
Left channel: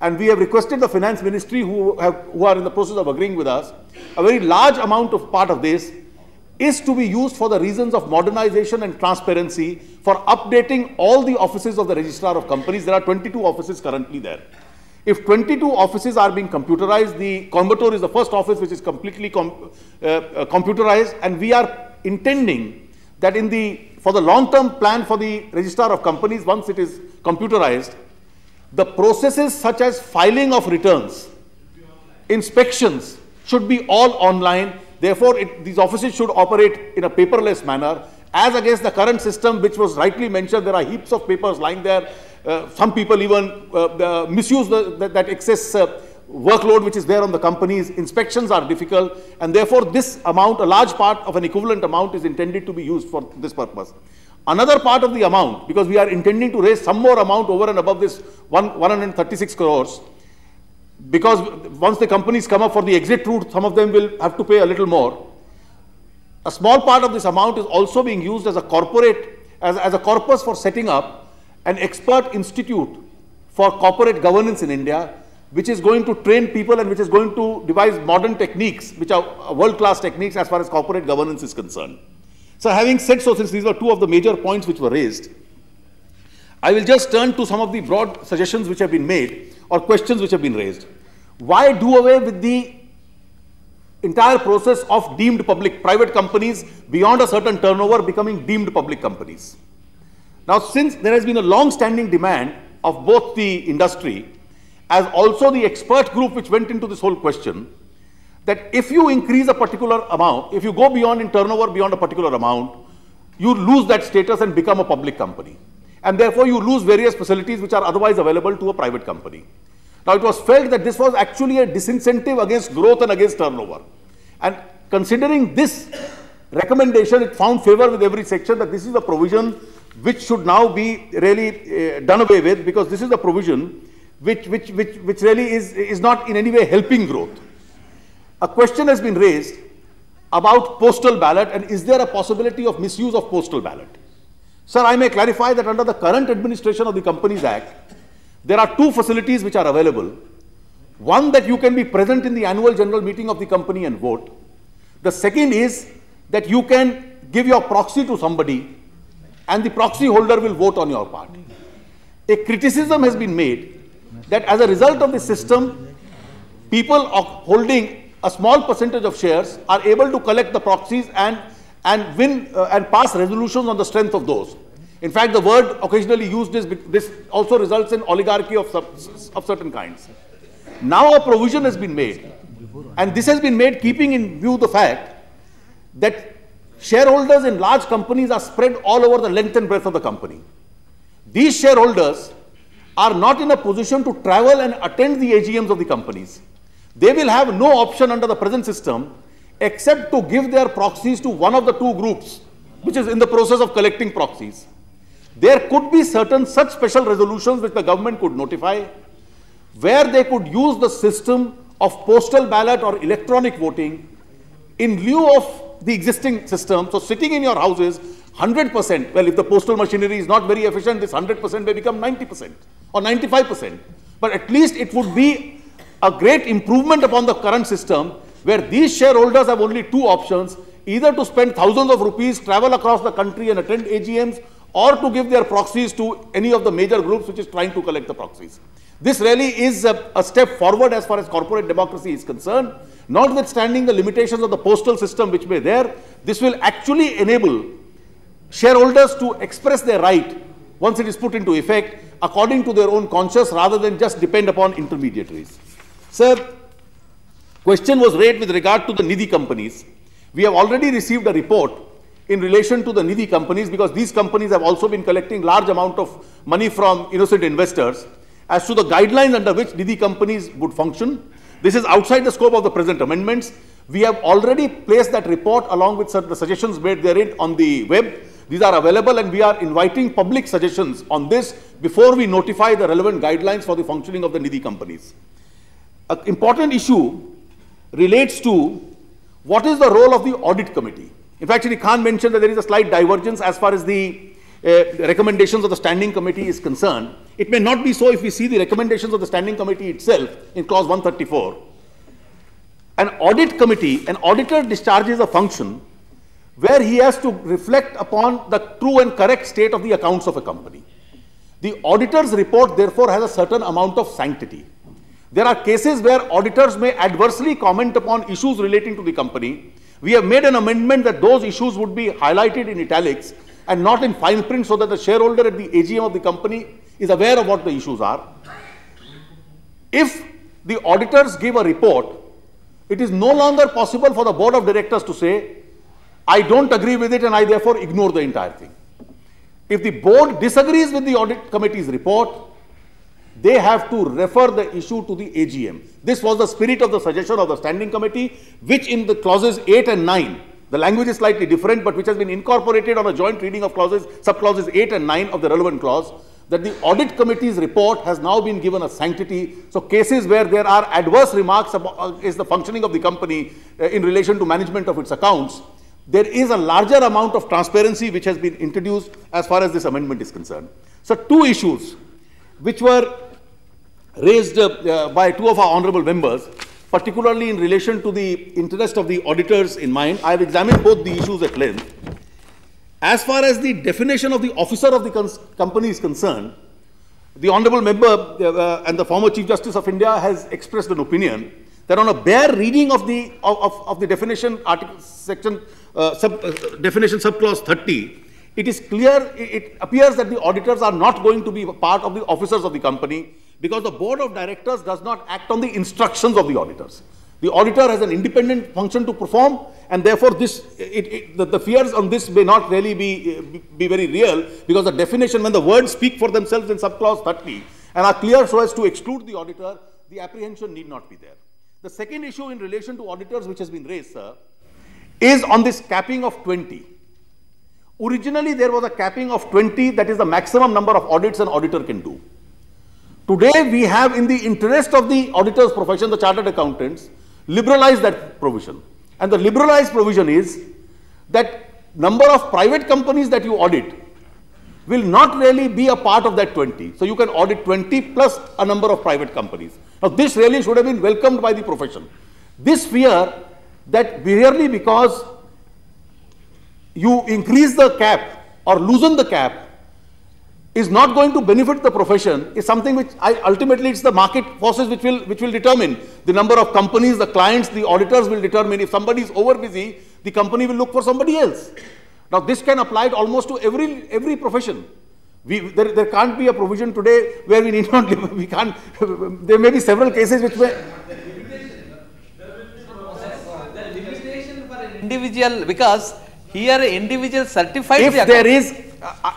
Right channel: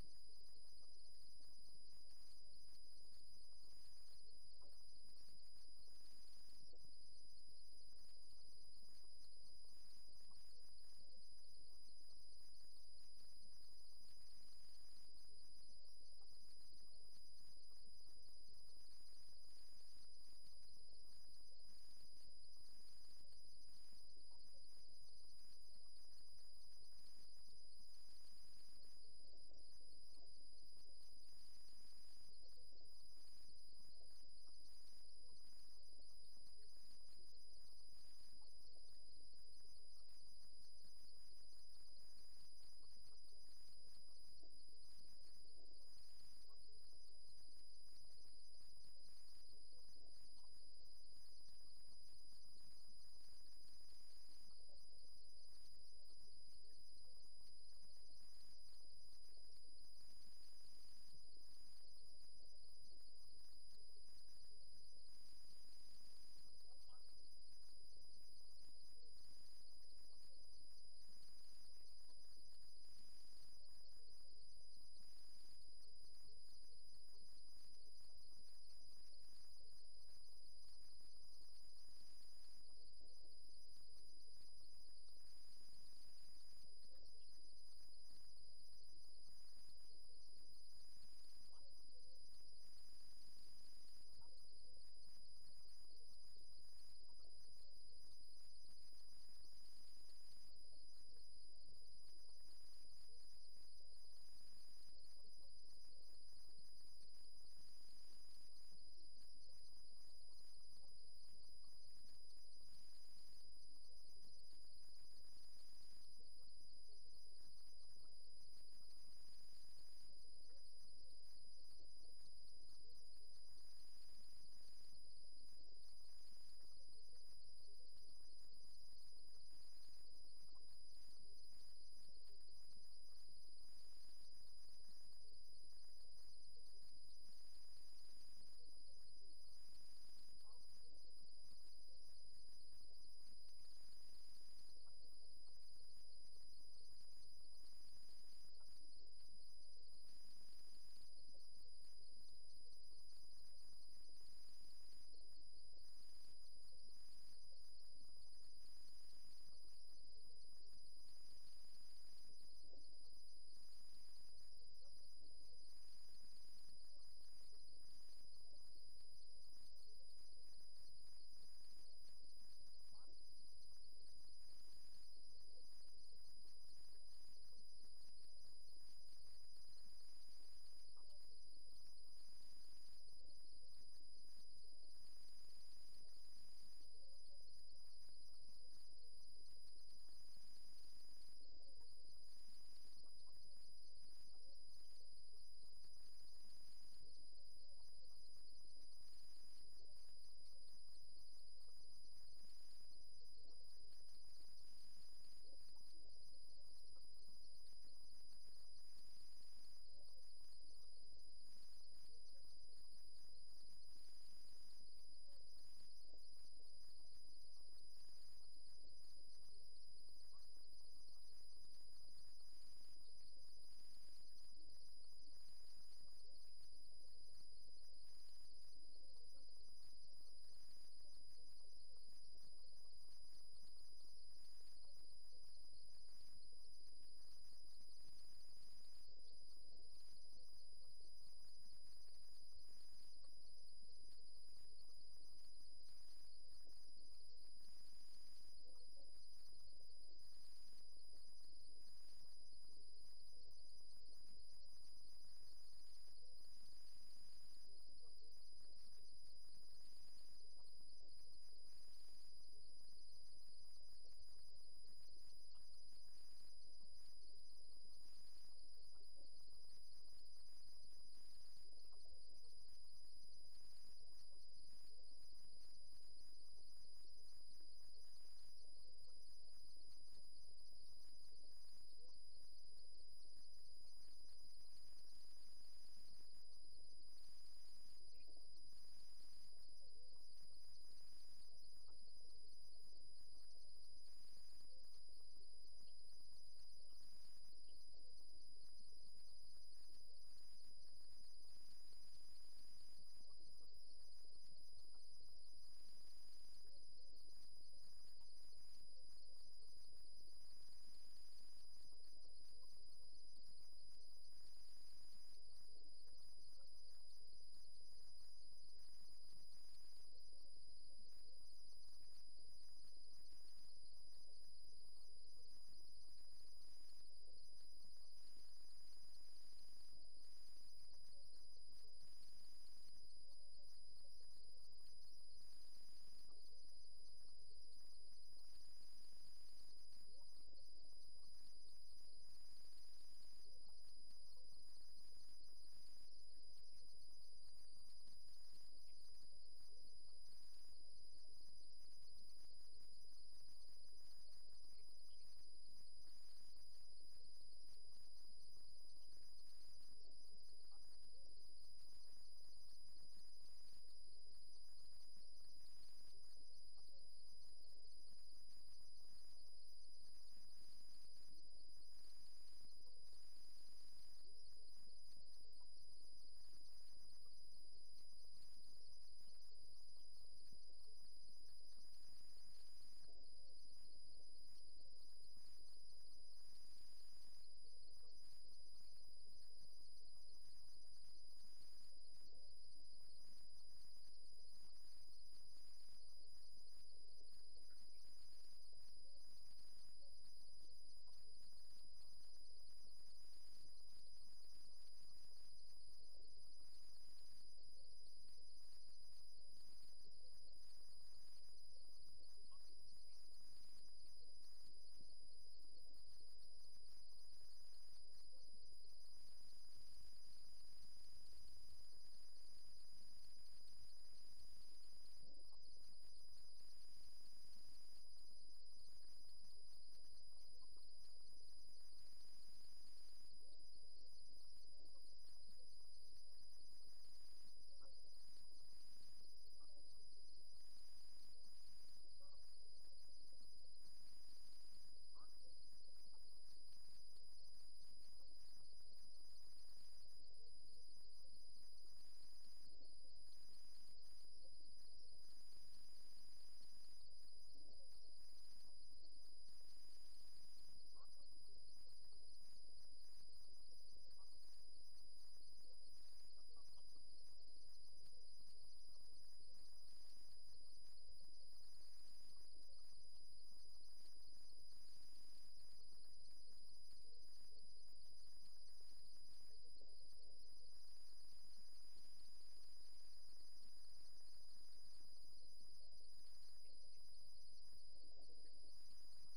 and we have requested the Finance Ministry, who are in the process of agreeing with us, a very large amount of part of this is to be used for the reasons of modernization and transparency, for updating all the offices of the Registrar of Companies. There are 22 offices currently there. If 22 offices are being computerized, the Coimbatore is the first office which is completely computerized, and we are intending that for the long-term plan for the Registrar of Companies, once it is computerized, the processes such as filing of returns, inspections should be all online. Therefore, these offices should operate in a paperless manner, as against the current system, which was rightly mentioned. There are heaps of papers lying there. Some people even misuse that excess workload which is there on the companies. Inspections are difficult, and therefore this amount, a large part of an equivalent amount, is intended to be used for this purpose. Another part of the amount, because we are intending to raise some more amount over and above this 136 crores, because once the companies come up for the exit route, some of them will have to pay a little more. A small part of this amount is also being used as a corpus for setting up an expert institute for corporate governance in India, which is going to train people and which is going to devise modern techniques, which are world-class techniques as far as corporate governance is concerned. So having said so, since these were two of the major points which were raised, I will just turn to some of the broad suggestions which have been made or questions which have been raised. Why do away with the entire process of deemed private companies beyond a certain turnover becoming deemed public companies? Now, since there has been a long-standing demand of both the industry as also the expert group which went into this whole question, that if you increase a particular amount, if you go beyond in turnover beyond a particular amount, you lose that status and become a public company. And therefore, you lose various facilities which are otherwise available to a private company. Now, it was felt that this was actually a disincentive against growth and against turnover. And considering this recommendation, it found favor with every section that this is a provision which should now be really done away with, because this is a provision which really is not in any way helping growth. A question has been raised about postal ballot, and is there a possibility of misuse of postal ballot? Sir, I may clarify that under the current administration of the Companies Act, there are two facilities which are available. One, that you can be present in the annual general meeting of the company and vote. The second is that you can give your proxy to somebody and the proxy holder will vote on your part. A criticism has been made that as a result of this system, people holding a small percentage of shares are able to collect the proxies and win and pass resolutions on the strength of those. In fact, the word occasionally used is this also results in oligarchy of certain kinds. Now a provision has been made, and this has been made keeping in view the fact that shareholders in large companies are spread all over the length and breadth of the company. These shareholders are not in a position to travel and attend the AGMs of the companies. They will have no option under the present system except to give their proxies to one of the two groups which is in the process of collecting proxies. There could be certain such special resolutions which the government could notify, where they could use the system of postal ballot or electronic voting in lieu of the existing system. So sitting in your houses, 100%, well, if the postal machinery is not very efficient, this 100% may become 90% or 95%. But at least it would be a great improvement upon the current system, where these shareholders have only two options: either to spend thousands of rupees, travel across the country and attend AGMs, or to give their proxies to any of the major groups which is trying to collect the proxies. This really is a step forward as far as corporate democracy is concerned. Notwithstanding the limitations of the postal system which may there, this will actually enable shareholders to express their right once it is put into effect according to their own conscience, rather than just depend upon intermediaries. Sir, question was raised with regard to the Nidhi companies. We have already received a report in relation to the Nidhi companies, because these companies have also been collecting large amount of money from innocent investors, as to the guidelines under which Nidhi companies would function. This is outside the scope of the present amendments. We have already placed that report along with the suggestions made therein on the web. These are available, and we are inviting public suggestions on this before we notify the relevant guidelines for the functioning of the Nidhi companies. An important issue relates to what is the role of the audit committee. In fact, Shri Khan mentioned that there is a slight divergence as far as the recommendations of the standing committee is concerned. It may not be so if we see the recommendations of the standing committee itself in clause 134. An audit committee, an auditor discharges a function where he has to reflect upon the true and correct state of the accounts of a company. The auditor's report, therefore, has a certain amount of sanctity. There are cases where auditors may adversely comment upon issues relating to the company. We have made an amendment that those issues would be highlighted in italics and not in fine print, so that the shareholder at the AGM of the company is aware of what the issues are. If the auditors give a report, it is no longer possible for the board of directors to say, I don't agree with it and I therefore ignore the entire thing. If the board disagrees with the audit committee's report, they have to refer the issue to the AGM. This was the spirit of the suggestion of the standing committee, which in the clauses 8 and 9, the language is slightly different, but which has been incorporated on a joint reading of sub-clauses 8 and 9 of the relevant clause, that the audit committee's report has now been given a sanctity. So cases where there are adverse remarks about is the functioning of the company in relation to management of its accounts, there is a larger amount of transparency which has been introduced as far as this amendment is concerned. So two issues which were raised by two of our honorable members, particularly in relation to the interest of the auditors in mind. I have examined both the issues at length. As far as the definition of the officer of the company is concerned, the honorable member and the former Chief Justice of India has expressed an opinion that on a bare reading of the definition, definition subclause 30, it is clear, it appears that the auditors are not going to be a part of the officers of the company, because the board of directors does not act on the instructions of the auditors. The auditor has an independent function to perform, and therefore the fears on this may not really be very real, because the definition, when the words speak for themselves in subclause 30 and are clear so as to exclude the auditor, the apprehension need not be there. The second issue in relation to auditors which has been raised, sir, is on this capping of 20. Originally, there was a capping of 20, that is the maximum number of audits an auditor can do. Today, we have, in the interest of the auditor's profession, the chartered accountants, liberalized that provision. And the liberalized provision is that number of private companies that you audit will not really be a part of that 20. So you can audit 20 plus a number of private companies. Now, this really should have been welcomed by the profession. This fear that merely because you increase the cap or loosen the cap is not going to benefit the profession is something which ultimately it's the market forces which will determine the number of companies, the clients, the auditors will determine. If somebody is over busy, the company will look for somebody else. Now this can apply almost to every profession. There can't be a provision today where we need not, we can't, there may be several cases which may. The limitation for an individual, because here individual certified. If there is,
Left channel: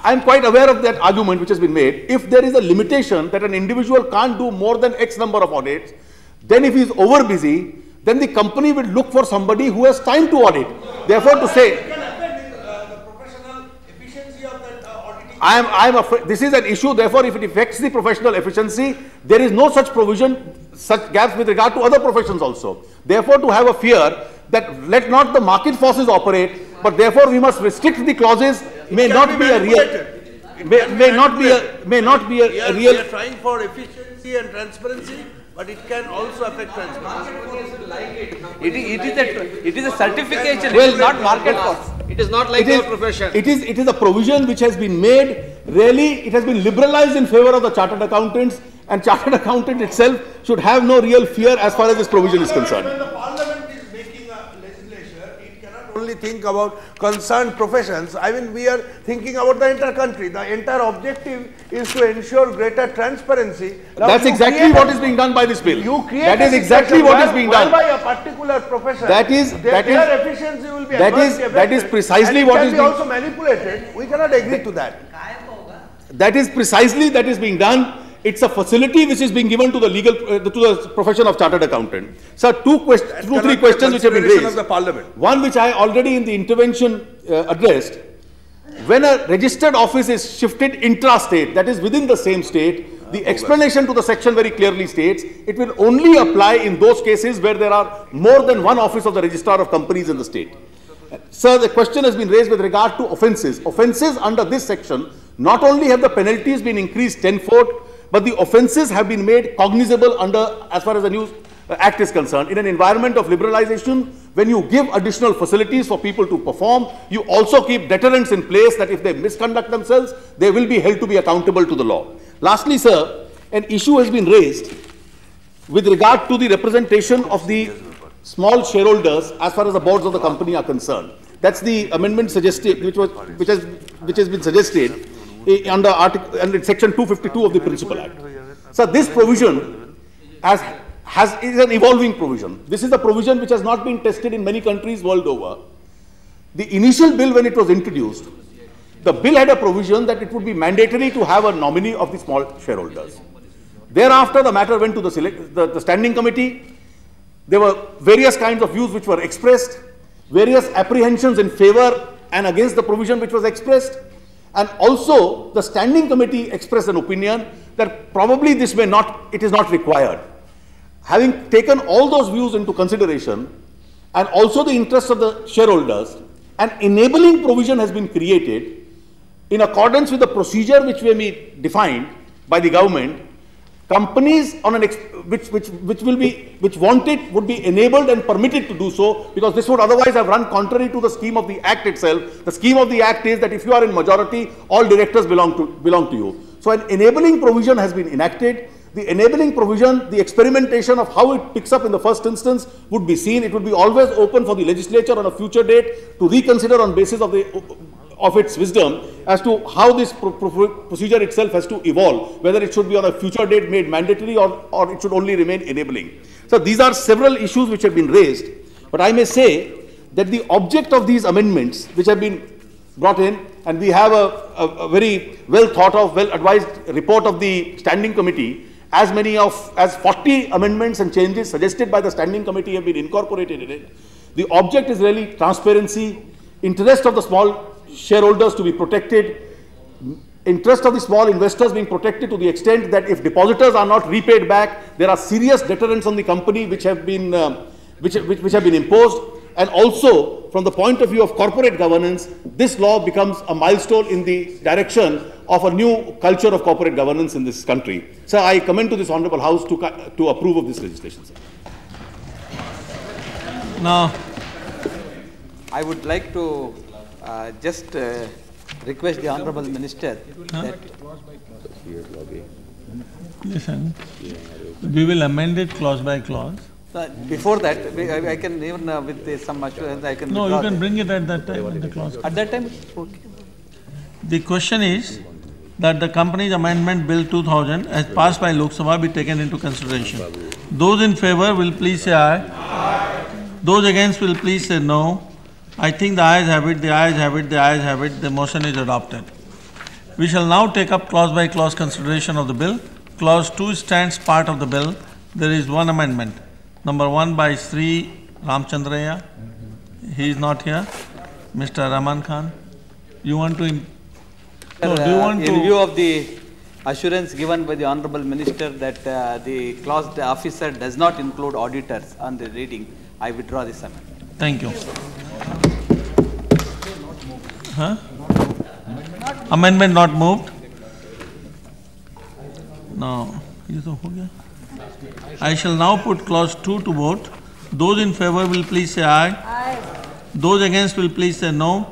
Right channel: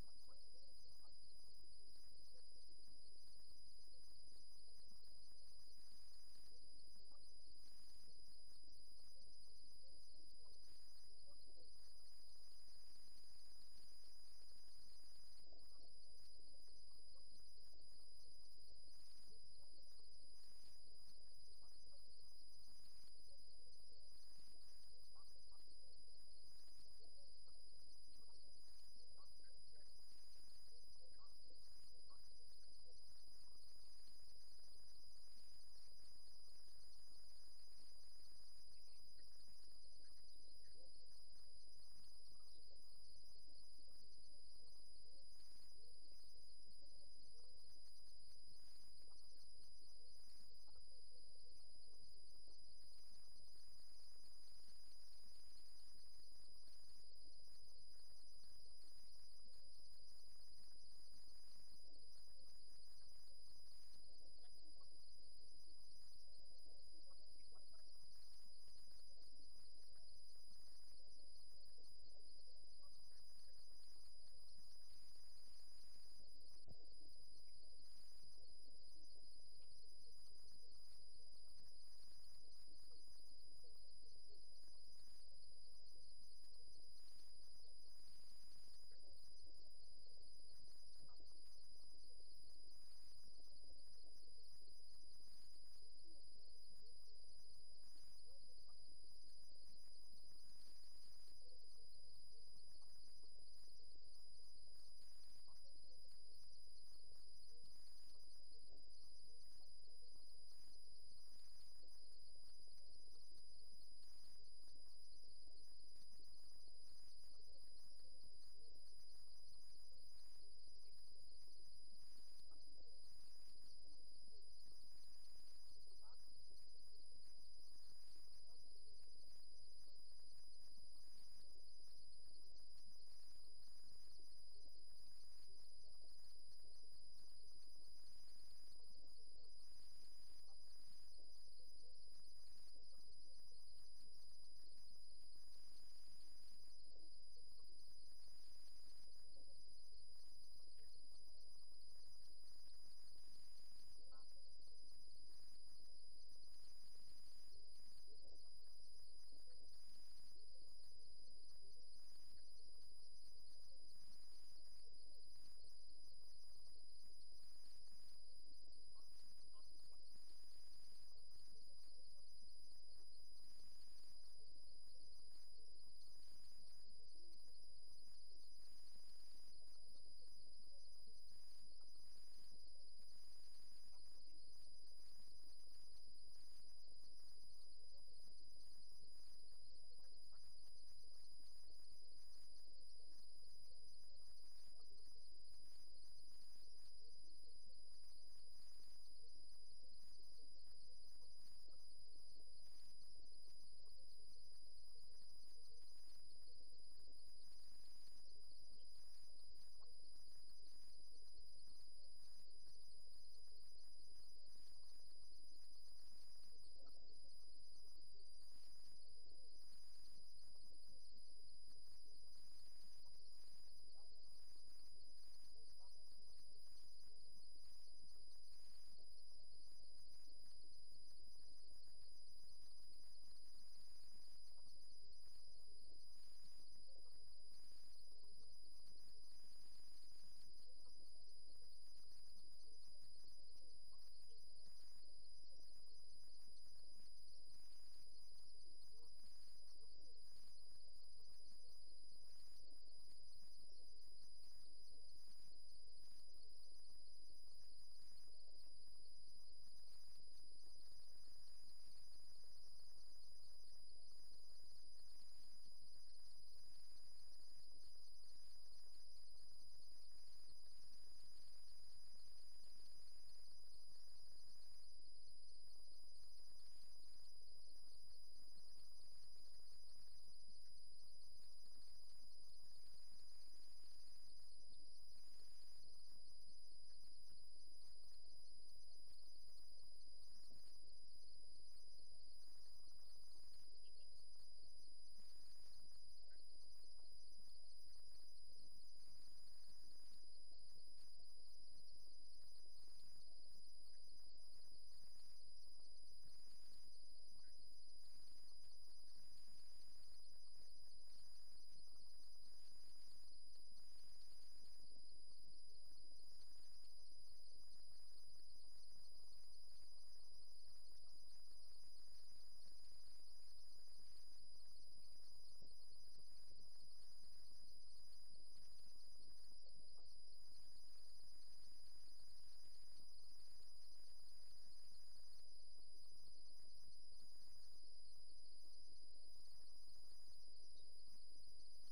I'm quite aware of that argument which has been made. If there is a limitation that an individual can't do more than X number of audits, then if he is over busy, then the company will look for somebody who has time to audit. Therefore, to say, I'm afraid this is an issue. Therefore, if it affects the professional efficiency, there is no such provision, such gaps with regard to other professions also. Therefore, to have a fear that let not the market forces operate, but therefore we must restrict the clauses may not be a real. May not be a real. We are trying for efficiency and transparency, but it can also affect transparency. It is a certification. Well, it is not market force. It is not like your profession. It is a provision which has been made. Really, it has been liberalized in favor of the chartered accountants, and chartered accountant itself should have no real fear as far as this provision is concerned. When the parliament is making a legislation, it cannot only think about concerned professions. I mean, we are thinking about the entire country. The entire objective is to ensure greater transparency. Now, that's exactly what is being done by this bill. You create that is exactly what is being done by a particular profession. That is their efficiency will be that is precisely what is being also manipulated. We cannot agree to that. That is precisely that is being done. It's a facility which is being given to the legal to the profession of chartered accountant. So two, three questions which have been raised. Of the parliament. One which I already in the intervention addressed. When a registered office is shifted intra-state, that is within the same state, the explanation to the section very clearly states it will only apply in those cases where there are more than one office of the registrar of companies in the state. Sir, the question has been raised with regard to offences. Offences under this section, not only have the penalties been increased tenfold, but the offences have been made cognizable under, as far as the new Act is concerned. In an environment of liberalization, when you give additional facilities for people to perform, you also keep deterrents in place that if they misconduct themselves, they will be held to be accountable to the law. Lastly, sir, an issue has been raised with regard to the representation of the small shareholders as far as the boards of the company are concerned. That's the amendment suggested, which has been suggested under Section 252 of the Principal Act. So this provision is an evolving provision. This is the provision which has not been tested in many countries world over. The initial bill, when it was introduced, the bill had a provision that it would be mandatory to have a nominee of the small shareholders. Thereafter, the matter went to the standing committee. There were various kinds of views which were expressed, various apprehensions in favor and against the provision which was expressed, and also the standing committee expressed an opinion that probably it is not required. Having taken all those views into consideration, and also the interests of the shareholders, an enabling provision has been created in accordance with the procedure which may be defined by the government. Companies on which want it would be enabled and permitted to do so, because this would otherwise have run contrary to the scheme of the Act itself. The scheme of the Act is that if you are in majority, all directors belong to you. So an enabling provision has been enacted. The enabling provision, the experimentation of how it picks up in the first instance would be seen. It would be always open for the legislature on a future date to reconsider on basis of its wisdom as to how this procedure itself has to evolve, whether it should be on a future date made mandatory or it should only remain enabling. So these are several issues which have been raised, but I may say that the object of these amendments which have been brought in, and we have a very well thought of, well advised report of the standing committee, as 40 amendments and changes suggested by the standing committee have been incorporated in it. The object is really transparency, interest of the small shareholders to be protected, interest of the small investors being protected to the extent that if depositors are not repaid back, there are serious deterrents on the company which have been imposed. And also, from the point of view of corporate governance, this law becomes a milestone in the direction of a new culture of corporate governance in this country. So I commend to this Honourable House to approve of this legislation, sir. Now, I would like to just request the Honourable Minister that... Listen, we will amend it clause by clause. Before that, I can even with some assurance, I can... No, you can bring it at that time in the clause. At that time? Okay. The question is that the Companies Amendment Bill 2000 as passed by Lok Sabha be taken into consideration. Those in favour will please say aye. Aye. Those against will please say no. I think the ayes have it, the ayes have it, the ayes have it, the motion is adopted. We shall now take up clause by clause consideration of the bill. Clause 2 stands part of the bill. There is one amendment. Number 1 by Sri Ramchandraya. He is not here. Mr. Rahman Khan. You want to... No, do you want to... In view of the assurance given by the Honourable Minister that the clause the officer does not include auditors on the reading, I withdraw this amendment. Thank you. Huh? Amendment not moved. No. I shall now put clause 2 to vote. Those in favour will please say aye. Aye. Those against will please say no.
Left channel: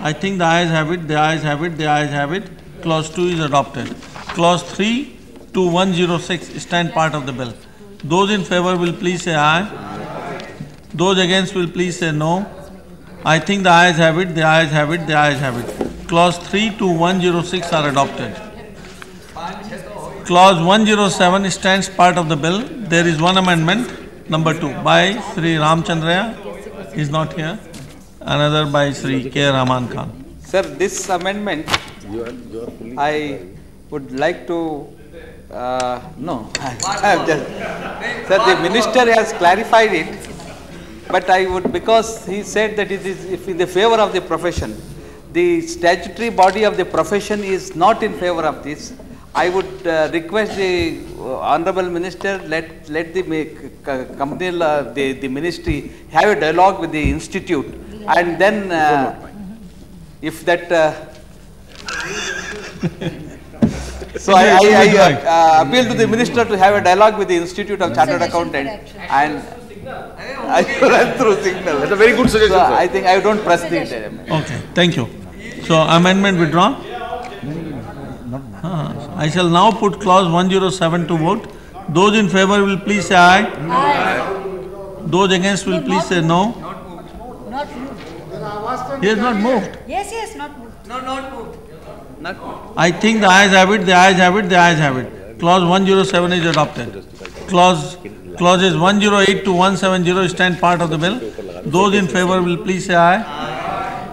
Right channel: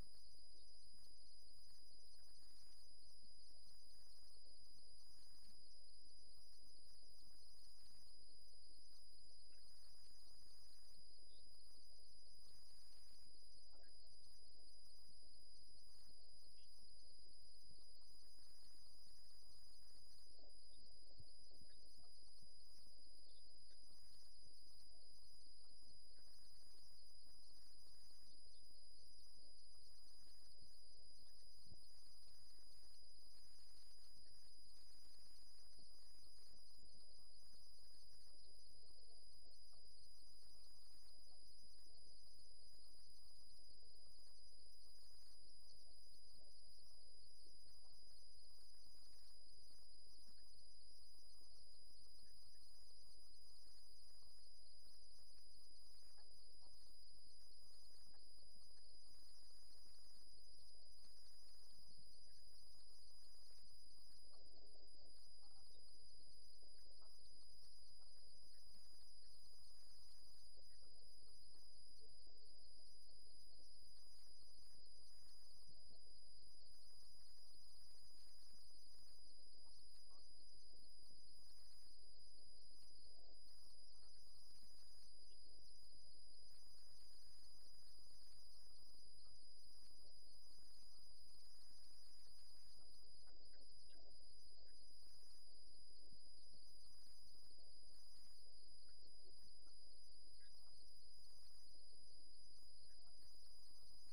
I think the ayes have it, the ayes have it, the ayes have it. Clause 2 is adopted. Clause 3 to 106 stand part of the bill. Those in favour will please say aye. Those against will please say no. I think the ayes have it, the ayes have it, the ayes have it. Clause 3 to 106 are adopted. Clause 107 stands part of the bill. There is one amendment, number 2, by Sri Ramchandraya. He is not here. Another by Sri K. Rahman Khan. Sir, this amendment, I would like to, no, I have just, sir, the Minister has clarified it, but I would, because he said that it is in the favour of the profession. The statutory body of the profession is not in favour of this. I would request the Honourable Minister let the company, the ministry have a dialogue with the institute and then if that so I appeal to the minister to have a dialogue with the Institute of Chartered Accountants and I run through signal. That's a very good suggestion, So sir. I think I don't press the amendment. Okay, thank you. So amendment withdrawn. I shall now put clause 107 to vote. Those in favor will please say aye. Aye. Those against will please say no. Not moved. He has not moved. Yes, not moved. I think the ayes have it, the ayes have it, the ayes have it. Clause 107 is adopted. Clauses 108 to 170 stand part of the bill. Those in favor will please say aye.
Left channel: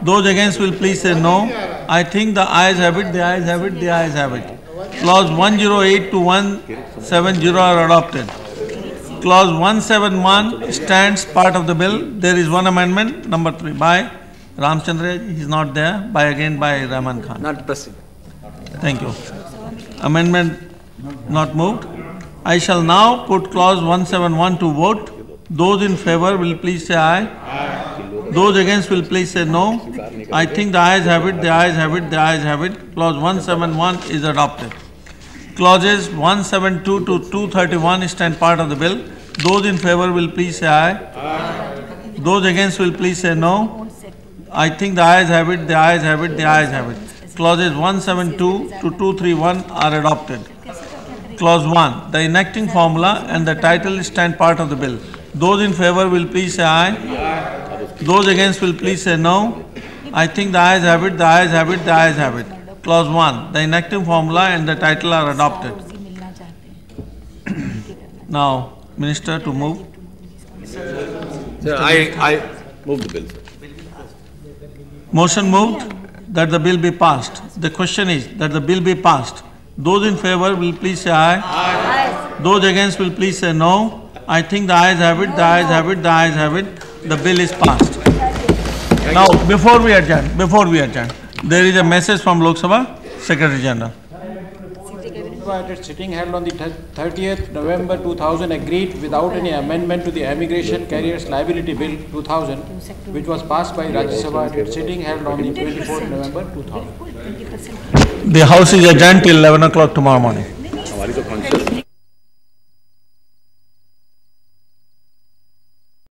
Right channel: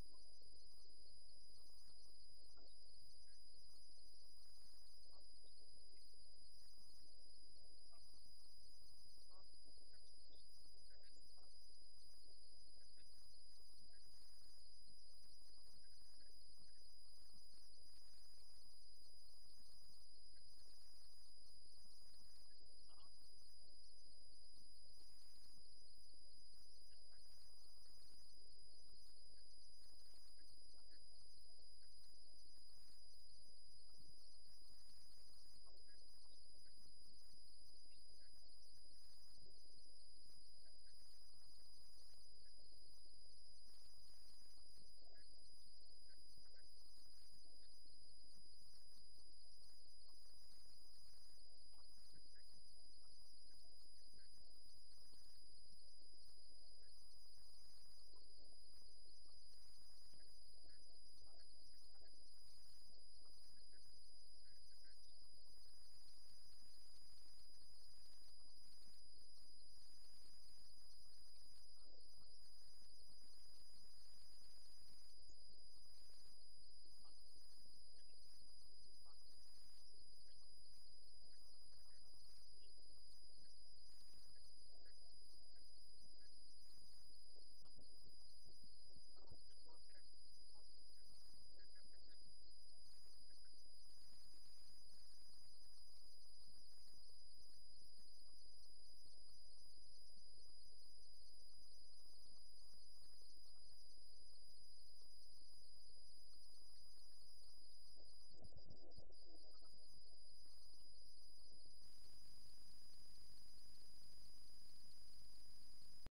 Those against will please say no. I think the ayes have it, the ayes have it, the ayes have it. Clause 108 to 170 are adopted. Clause 171 stands part of the bill. There is one amendment, number 3, by Ramchandra, he is not there, by Rahman Khan. Not pressing. Thank you. Amendment not moved. I shall now put clause 171 to vote. Those in favor will please say aye. Those against will please say no. I think the ayes have it, the ayes have it, the ayes have it. Clause 171 is adopted. Clauses 172 to 231 stand part of the bill. Those in favor will please say aye. Those against will please say no. I think the ayes have it, the ayes have it, the ayes have it. Clauses 172 to 231 are adopted. Clause 1. The enacting formula and the title stand part of the bill. Those in favor will please say aye. Those against will please say no. I think the ayes have it, the ayes have it, the ayes have it. Clause 1. The enacting formula and the title are adopted. Now, Minister to move. Sir, I move the bill, sir. Motion moved that the bill be passed. The question is that the bill be passed. Those in favor will please say aye. Aye. Those against will please say no. I think the ayes have it, the ayes have it, the ayes have it. The bill is passed. Now, before we adjourn, there is a message from Lok Sabha, Secretary General. At sitting held on the 30th November 2000 agreed without any amendment to the Immigration Carriers Liability Bill 2000, which was passed by Rajya Sabha at its sitting held on the 24th November 2000. The House is adjourned till 11 o'clock tomorrow morning.